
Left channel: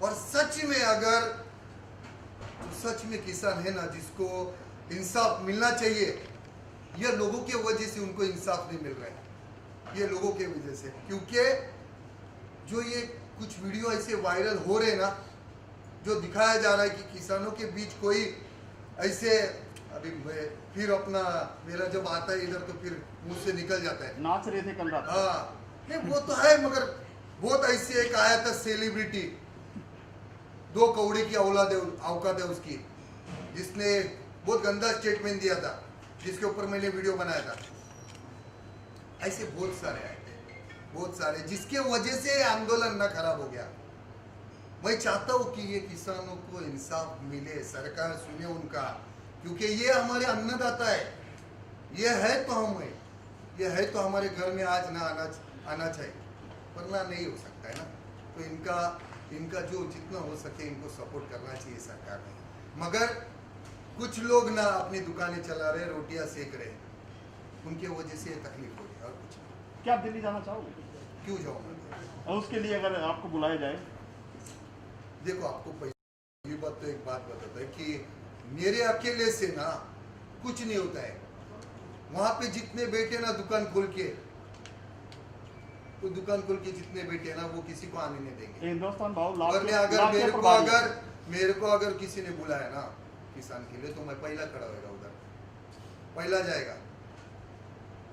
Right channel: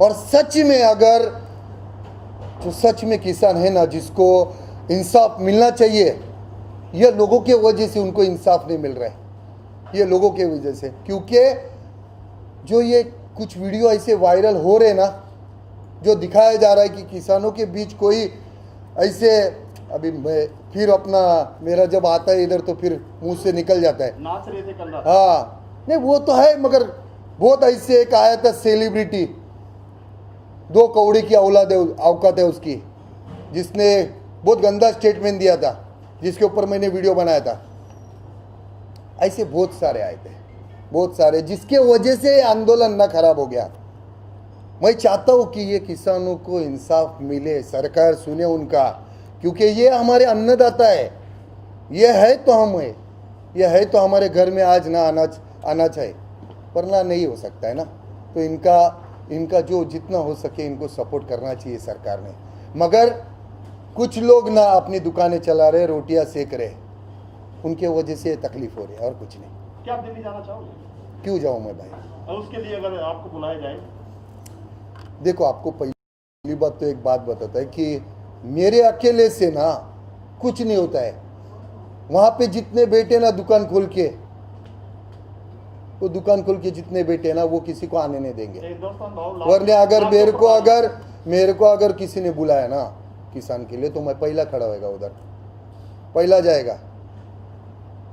और सच में अगर तो सच में किसान है ना, जिसको इंसाफ मिलना चाहिए, ये लोगों के वजह से उनको इंसाफ नहीं मिल रहा है, ये लोगों के वजह से। क्योंकि जो ये कुछ वीडियो ऐसे वायरल हो रहे ना, जो दिखाया जा रहा है कि किसानों के बीच कोई ऐसे अभी मैं फिर अपना मेरा जब आता है इधर तो फिर मुंह से निकल जाता है। नाच रहे थे कल रात। हाँ नहीं वो तो है, मगर बहुत ऐसे एक आया था सेलिब्रिटी, 2 कौड़ी की औकात है उसकी, जिसने बहुत गंदा स्टेटमेंट दिया था, जिसके ऊपर मैंने वीडियो बनाया था। ऐसे बहुत सारे आए थे, बहुत सारे, जिसके वजह से आंदोलन ना खराब हो गया। मैं चाहता हूँ कि ये किसानों को इंसाफ मिले, सरकार सुने उनका, क्योंकि ये हमारे अन्नदाता है, ये है तो हम है, ये है तो हमारे घर में आज ना अनाज है, वरना नहीं हो सकता है ना। तो इनका जो जितना हो सके इनको सपोर्ट करना चाहिए सरकार ने। मगर कुछ लोग ना अपनी दुकानें चला रहे, रोटियां सेक रहे, उनके वजह से तकलीफ हो रही है और कुछ नहीं। क्या आप दिल्ली जाना चाहोगे? क्यों जाऊँ मैं भाई? और उसके लिए अगर आपको बुलाया जाए? देखो आपको पहली बात तो एक बात बताता है कि मेरे अकेले से ना कुछ नहीं होता है। वहां पे जितने बैठे ना दुकान खोल के, वो दुकान खोल के जितने बैठे ना वो किसी को आने नहीं देंगे। वरना अगर मेरे को अगर किसी ने बुलाया ना किसान के लिए तो मैं पहला खड़ा होगा, उधर पहला जाएगा।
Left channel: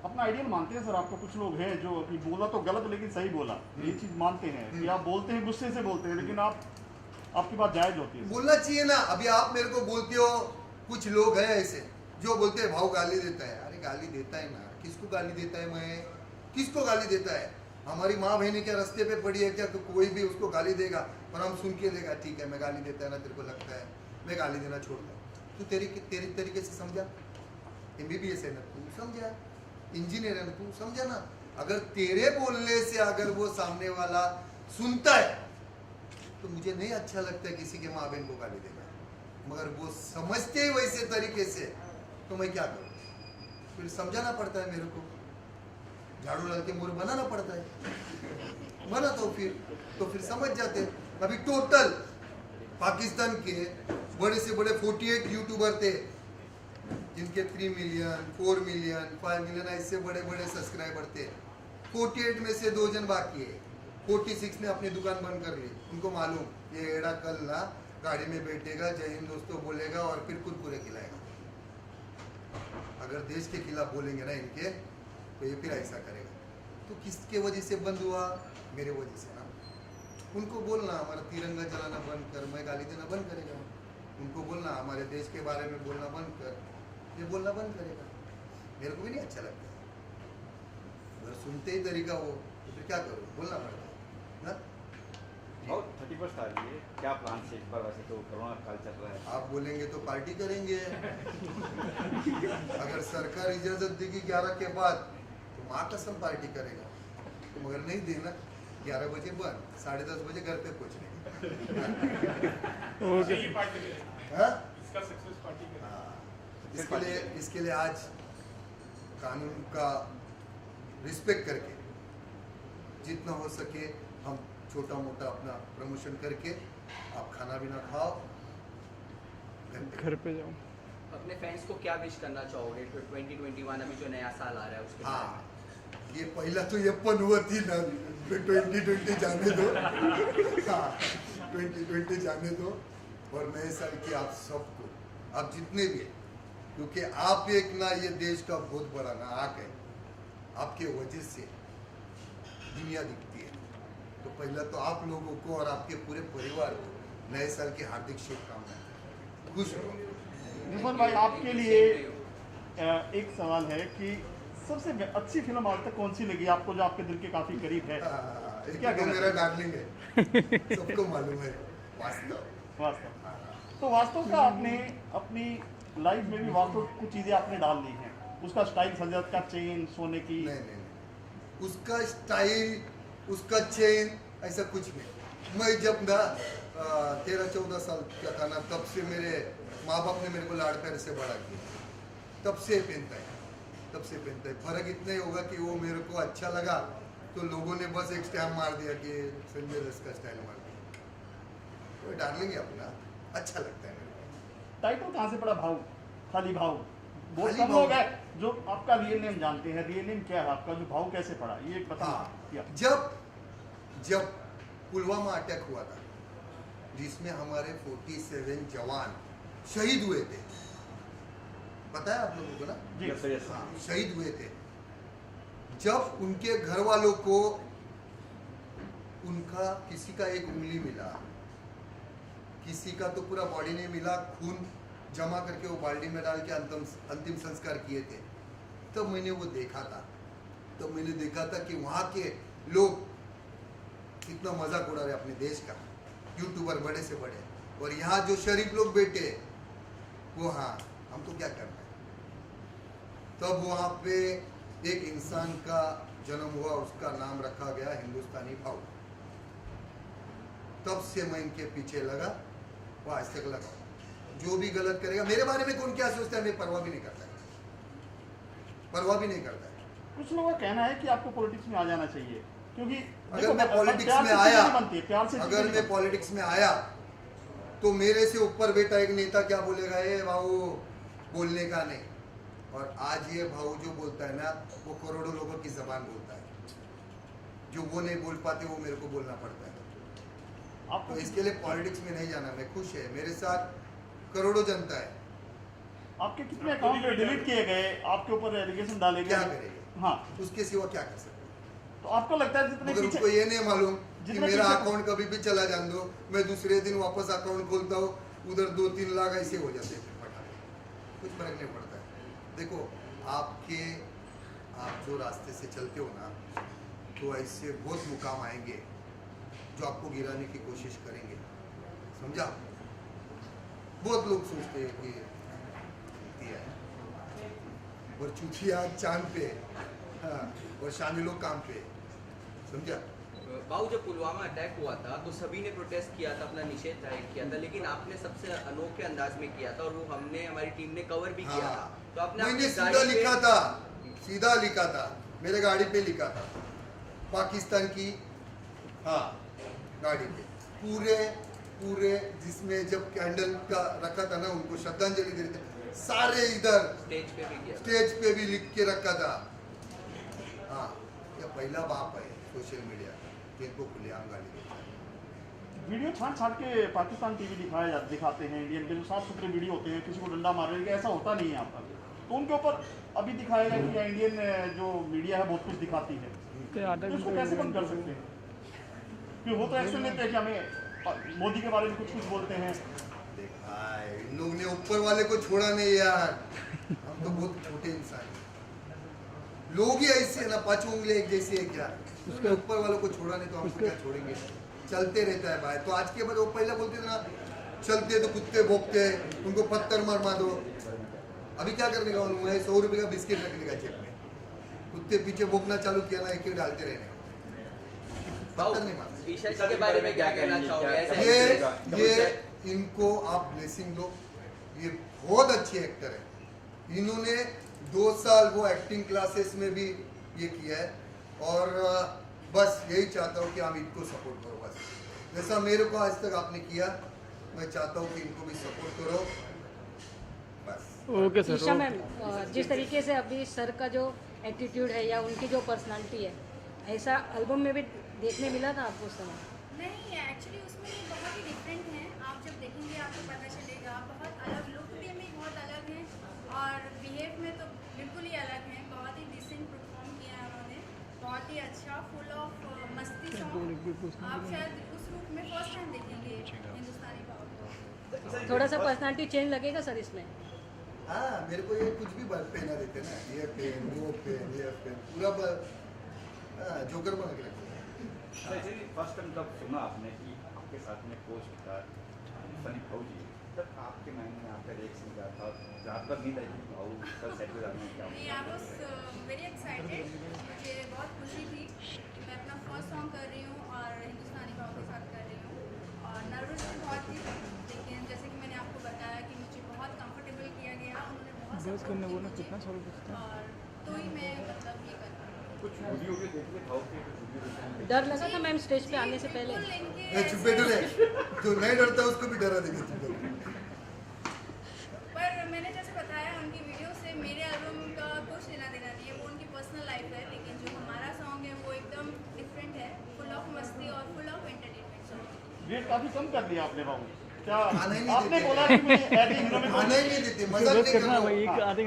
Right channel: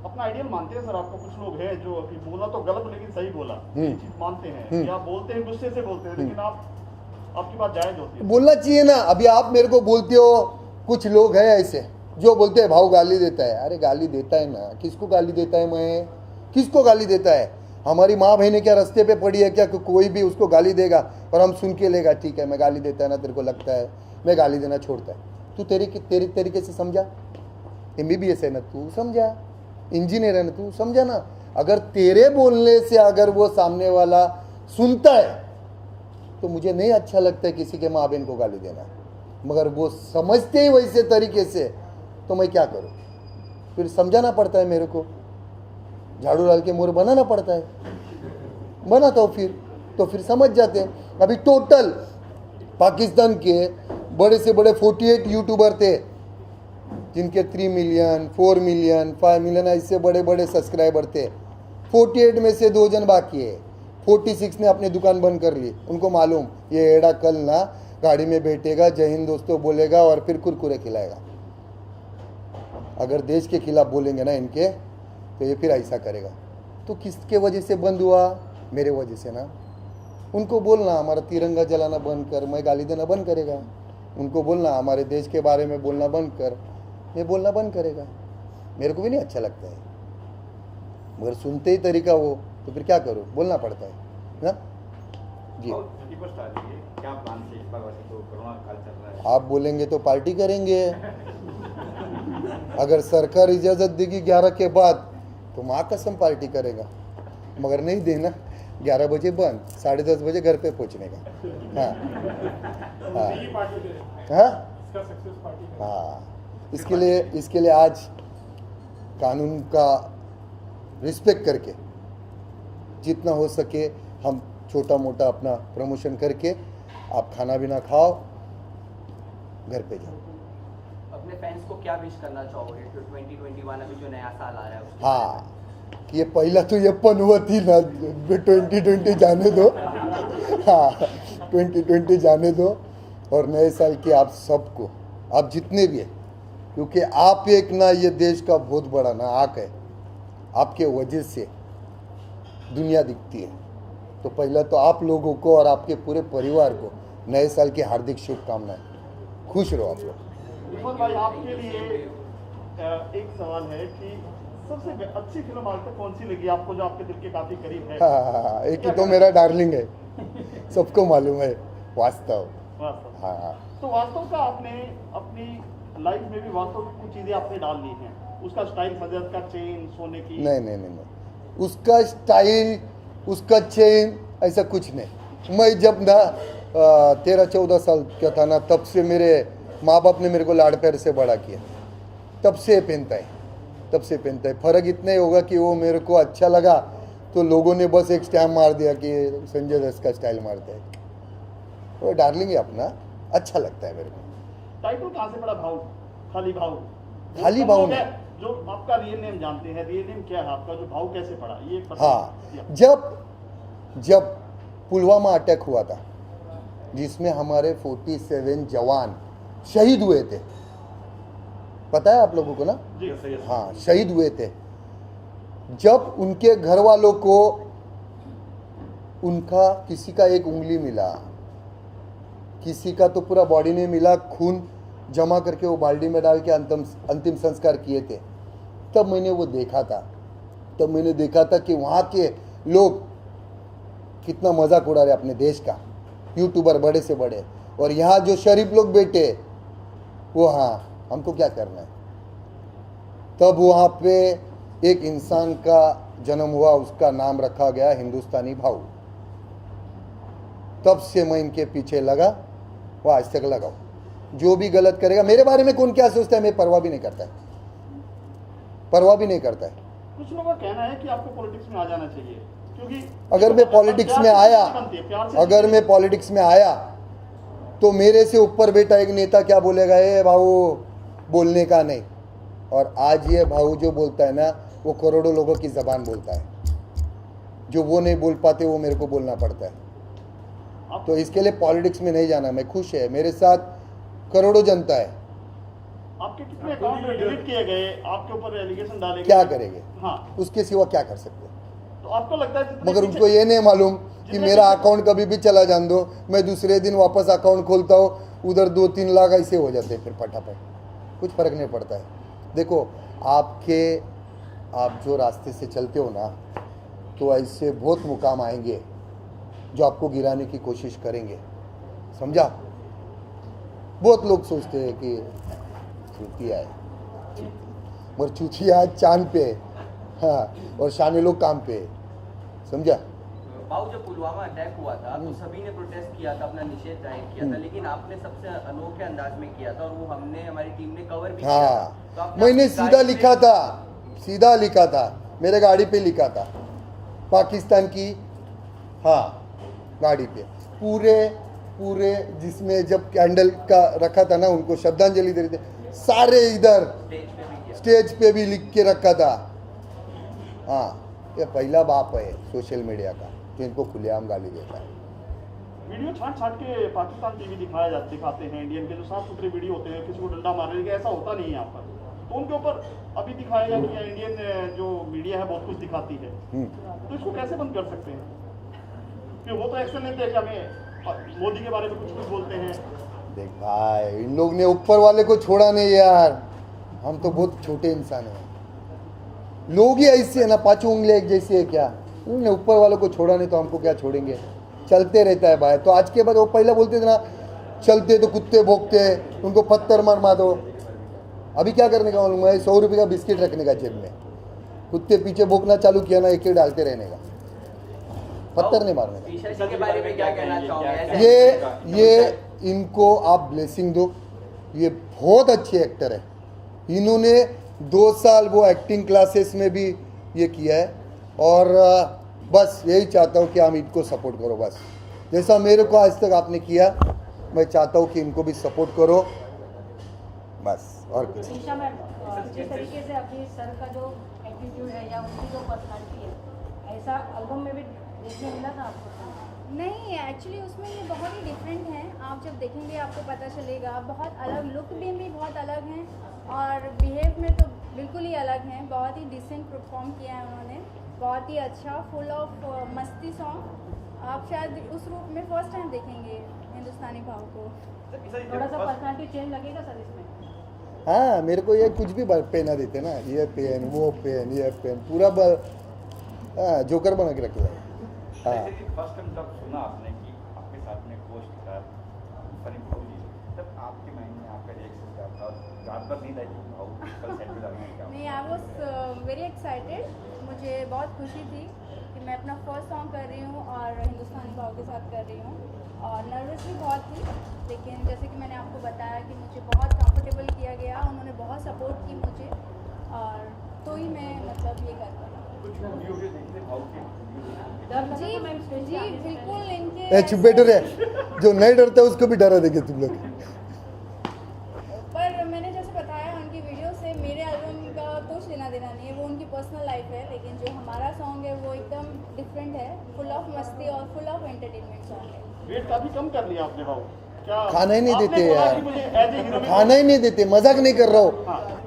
अपना आइडियल मानते हैं सर आपको? कुछ लोग हैं जो अभी बोला तो गलत लेकिन सही बोला, ये चीज मानते हैं या बोलते हैं गुस्से से बोलते हैं, लेकिन आपकी बात जायज होती है। बोलना चाहिए ना। अभी आप मेरे को बोलते हो, कुछ लोग हैं ऐसे जो बोलते हैं भाव गाली देता है। अरे गाली देता है ना, किसको गाली देता है? मैं किसको गाली देता है? हमारी माँ बहनें क्या रास्ते पे पड़ी है क्या? कोई भी उसको गाली देगा और हम सुन के लेगा, ठीक है मैं गाली देता है ना, तेरे को लगता है मैं गाली देना छोड़ता है। तू तेरी तरीके से समझा, MBBS है ना तू समझा, इंजीनियर है ना तू समझा ना। अगर तेरे बोलने से अगर वो सामने वाला सुनता है तो मुझे नहीं अच्छा लगता है किसी के माँ बहन को गाली देना, मगर वो समझते ही वैसे तरीके से तो मैं क्या करूँ? फिर समझाना पड़ता है मेरे को, झाड़ू डाल के मोर बनाना पड़ता है, बनाता हूँ तो फिर समझ जाते हैं। अभी टोटल पाकिस्तान के बड़े से बड़े 48 यूट्यूबर थे जिनके 3 मिलियन 4 मिलियन 5 मिलियन ऐसे बड़े बड़े सब्सक्राइबर थे। 48 में से 2 जन बाकी है। 46 ने अपनी दुकान बंद कर ली। उनको मालूम ये एड़ा कल ना गाड़ी में बैठेगा, जय हिंद दोस्तों बोलेगा और फिर कुरकुरे खिलाएगा। अगर देश के खिलाफ बोलेंगे ना इनके तो ये फिर ऐसा करेगा। तो किसके वजह से बंद हुआ? मेरे वजह से ना। उनको बोलना हमारा तिरंगा जलाना बंद कर, मैं गाली देना बंद करेगा। उनको बोलना हमारे देश के बारे में बोलना बंद कर, मैं बोलना बंद करेगा। मेरे को भी नहीं अच्छा लगता है, मगर सुनते ही तरीका वो, तो फिर क्या करो, बोलना पड़ता है ना जी। 31 तारीख है, क्या प्लान है इस बार? वैसे तो कोरोना काल चल रहा है, आप बोलेंगे तो पार्टी करेंगे। अगर सरकार इजाज़त देगी 11 के बाद तो माँ कसम पार्टी करेगा, मगर नहीं देना 11 बजे बंद, 10:30 बजे घर पे पहुंचने का। हाँ हाँ, इसके लिए आज कानून का रिस्पेक्ट करके जितना हो सके हम छोटा मोटा अपना प्रमोशन करके आप खाना भी ना खाओ, घर पे जाओ। अपने फैंस को क्या विश करना चाहोगे फिर 2021 अभी जो नया साल आ रहा है उसके? हाँ, ये पहला तो ये पनवत ही ना 2020 जाने दो। हाँ 2020 जाने दो और नए साल की आप सबको, आप जितने भी हैं, क्योंकि आप एक ना ये देश का बहुत बड़ा ना आँख है, आपके वजह से दुनिया दिखती है। तो पहला तो आप लोगों को और आपके पूरे परिवार को नए साल की हार्दिक शुभकामनाएं। खुश रहो आप लोग। रिजवान भाई आपके लिए एक सवाल है कि सबसे अच्छी फिल्म आज तक कौन सी लगी आपको, जो आपके दिल के काफी करीब है? हाँ, एक ही तो मेरा डार्लिंग है, सबको मालूम है, वास्तव। हाँ, तो वास्तव का आपने अपनी लाइफ में भी वास्तव कुछ चीजें आपने डाल दी हैं, उसका स्टाइल सजत का चेन सोने की? नहीं, उसका स्टाइल उसका चेन ऐसा कुछ नहीं। मैं जब ना 13-14 साल का था ना, तब से मेरे माँ बाप ने मेरे को लाड़ प्यार से बड़ा किया, तब से पहनता है। फर्क इतना ही होगा कि वो मेरे को अच्छा लगा तो लोगों ने बस एक स्टैम्प मार दिया कि संजय दत्त का स्टाइल मारता है। वो डार्लिंग है अपना, अच्छा लगता है मेरे को। टाइटल कहाँ से पड़ा? भाव, खाली भाव नहीं। जो आपका रियल नेम जानते हैं, रियल नेम क्या है आपका, जो भाव कैसे पड़ा ये हाँ, जब पुलवामा अटैक हुआ था जिसमें हमारे 47 जवान शहीद हुए थे, पता है आप लोगों को ना? हाँ, शहीद हुए थे। जब उनके घर वालों को उनका किसी का एक उंगली मिला, किसी का तो पूरा बॉडी नहीं मिला, खून जमा करके वो बाल्टी में डाल के अंतिम संस्कार किए थे, तब मैंने वो देखा था। तब मैंने देखा था कि वहाँ के लोग कितना मजाक उड़ा रहे अपने देश का, यूट्यूबर बड़े से बड़े, और यहाँ जो शरीफ लोग बैठे वो, हाँ हमको क्या करना है। तब वहाँ पे एक इंसान का जन्म हुआ, उसका नाम रखा गया हिंदुस्तानी भाऊ। तब से मैं इनके पीछे लगा, वो आज तक लगा। जो भी गलत करेगा, मेरे बारे में कौन क्या सोचता है मैं परवाह भी नहीं करता है, परवाह भी नहीं करता है। कुछ लोगों का कहना है कि आपको पॉलिटिक्स में आ जाना चाहिए, क्योंकि अगर मैं पॉलिटिक्स में आया, अगर मैं पॉलिटिक्स में आया तो मेरे से ऊपर बेटा एक नेता क्या बोलेगा, ये भाऊ बोलने का नहीं। और आज ये भाऊ जो बोलता है ना, वो करोड़ों लोगों की जबान बोलता है। जो वो नहीं बोल पाते वो मेरे को बोलना पड़ता है। तो इसके लिए पॉलिटिक्स में नहीं जाना। मैं खुश है, मेरे साथ करोड़ों जनता है। आपके कितने अकाउंट डिलीट किए गए, आपके ऊपर एलिगेशन डाले गए, क्या करेंगे? हाँ, उसके सिवा क्या कर सकते हैं? तो आपको लगता है मगर उनको ये नहीं मालूम कि मेरा अकाउंट कभी भी चला जान दो, मैं दूसरे दिन वापस अकाउंट खोलता हूँ, उधर 2-3 लाख ऐसे हो जाते हैं फिर फटाफट, कुछ फर्क नहीं पड़ता है। देखो आप जो रास्ते से चलते हो ना, तो ऐसे बहुत मुकाम आएंगे जो आपको गिराने की कोशिश करेंगे, समझा? बहुत लोग सोचते हैं कि चूतिया है, और चूतिया चांद पे है, हाँ, और शाने लोग काम पे है, समझा? भाऊ जब पुलवामा अटैक हुआ था तो सभी ने प्रोटेस्ट किया था, अपना निषेध जाहिर किया था, लेकिन आपने सबसे अनोखे अंदाज में किया था और वो हमारी टीम ने कवर भी किया था। तो आपने मैंने सीधा लिखा था, सीधा लिखा था, मेरे गाड़ी पे लिखा था, पाकिस्तान की, हाँ गाड़ी पे पूरे जिसमें जब कैंडल का रखा था ना, उनको श्रद्धांजलि दे रहे थे, सारे इधर स्टेज पे भी लिख के रखा था। हाँ, ये पहला बाप है सोशल मीडिया का जो इनको खुलेआम गाली देता है। वीडियो छाट के पाकिस्तान टीवी दिखाते हैं, इंडियन के जो साफ सुथरे वीडियो होते हैं, किसी को डंडा मारने के, ऐसा होता नहीं है यहाँ पर। तो उनके ऊपर अभी दिखाया गया कि इंडियन जो मीडिया है बहुत कुछ दिखाती है, तो इसको कैसे बंद कर सकते हैं? फिर वो तो ऐसे नहीं थे कि हमें मोदी के बारे में कुछ बोलते हैं। देख भाई, इन लोग ने ऊपर वाले को छोड़ा नहीं यार, हम तो बहुत छोटे इंसान हैं। लोग ही ऐसे है ना, पांचों उंगलियां एक जैसी है क्या? उन्होंने ऊपर वालों को छोड़ा नहीं तो हमको क्या छोड़ेंगे? चलते रहता है भाई। तो आज के बाद वो पहले बोलते थे ना, चलते तो कुत्ते भोंकते, उनको पत्थर मार दो। अभी क्या करने का मालूम है? 100 रुपये का बिस्किट रखने का जेब में, कुत्ते पीछे भोंकना चालू किया ना, एक डालते रहने का, पत्थर नहीं मारने का। के बारे में क्या कहना चाहोगे? ये इनको आप ब्लेसिंग दो, ये बहुत अच्छे एक्टर है। इन्होंने 2 साल वो एक्टिंग क्लासेस में भी ये किया है, और बस यही चाहता हूँ कि हम इनको सपोर्ट करो। बस जैसा मेरे को आज तक आपने किया, मैं चाहता हूँ कि इनको भी सपोर्ट करो बस। ईशा मैम, जिस तरीके से अभी सर का जो एटीट्यूड है या उनकी जो पर्सनालिटी है, ऐसा एल्बम में भी देखने मिला था आपको? सर नहीं, एक्चुअली उसमें ये बहुत ही डिफरेंट है। आप जब देखेंगे आपको पता चलेगा, बहुत अलग लुक में भी बहुत अलग हैं, और बिहेव में तो बिल्कुल ही अलग हैं। बहुत ही डिसेंट परफॉर्म किया है उन्होंने, बहुत ही अच्छा, फुल ऑफ मस्ती सॉन्ग। आप शायद उस रूप में फर्स्ट टाइम देखेंगे हिंदुस्तानी भाव को। थोड़ा सा पर्सनालिटी चेंज लगेगा सर इसमें? हाँ, मेरे को ये कुछ भी पहना देते ना, ये पेन वो पेन ये पेन, पूरा जोकर बना के रखे। हाँ, फर्स्ट टाइम जब सुना आपने कि आपके साथ में पोस्ट था फनी भाऊ जी, तब आपके माइंड में आपका रिएक्शन क्या था? रात भर नींद आई थी भाऊ कल सेट पे जाना? नहीं, आई वॉज वेरी एक्साइटेड। मुझे बहुत खुशी थी कि मैं अपना फर्स्ट सॉन्ग कर रही हूँ और हिंदुस्तानी भाव के साथ कर रही हूँ, और नर्वस भी बहुत थी, लेकिन जैसे कि मैंने आपको बताया कि मुझे बहुत कंफर्टेबल किया गया, उन्होंने बहुत सपोर्ट की मुझे, और तो ही मैं मतलब ये कर पाई। डर लगा था मैम स्टेज पे आने से पहले? चुप बैठो रे, जो नहीं डरता उसको भी डरा देंगे तुम लोग। पर मैंने जैसे बताया, उनकी वीडियो से मेरे एल्बम का कुछ लेना देना नहीं है, वो उनकी पर्सनल लाइफ है, लेकिन जो हमारा सॉन्ग है वो एकदम डिफरेंट है, फुल ऑफ मस्ती और फुल ऑफ एंटरटेनमेंट सॉन्ग है। वेट काफी कम कर लिया आपने भाऊ? खाना ही नहीं देते यार, खाना ही नहीं देते, मजाक नहीं कर रहा हूँ।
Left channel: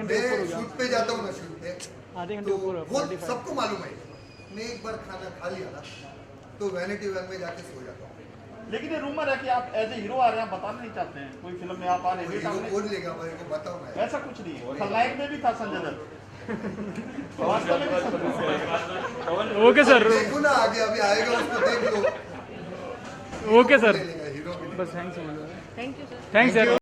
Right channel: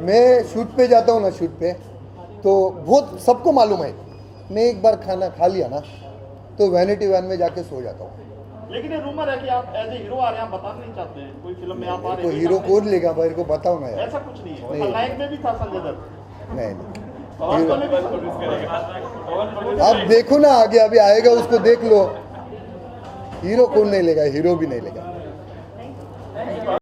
मैं शूट पे जाता हूँ ना, शूट पे तो बहुत सबको मालूम है, मैं एक बार खाना खा लिया ना तो वैनिटी वैन में जाके सो जाता हूँ। लेकिन ये रूमर है कि आप एज ए हीरो आ रहे हैं, आप बताना नहीं चाहते हैं कोई फिल्म में आप आ रहे तो हैं। हीरो कौन लेगा भाई को बताओ ना यार। ऐसा कुछ नहीं है, खलनायक में भी था संजय दत्त। नहीं वास्तव में भी अब देखो ना आगे, अभी आएगा उसको देख लो। हीरो कौन नहीं लेगा, हीरो भी नहीं लेगा।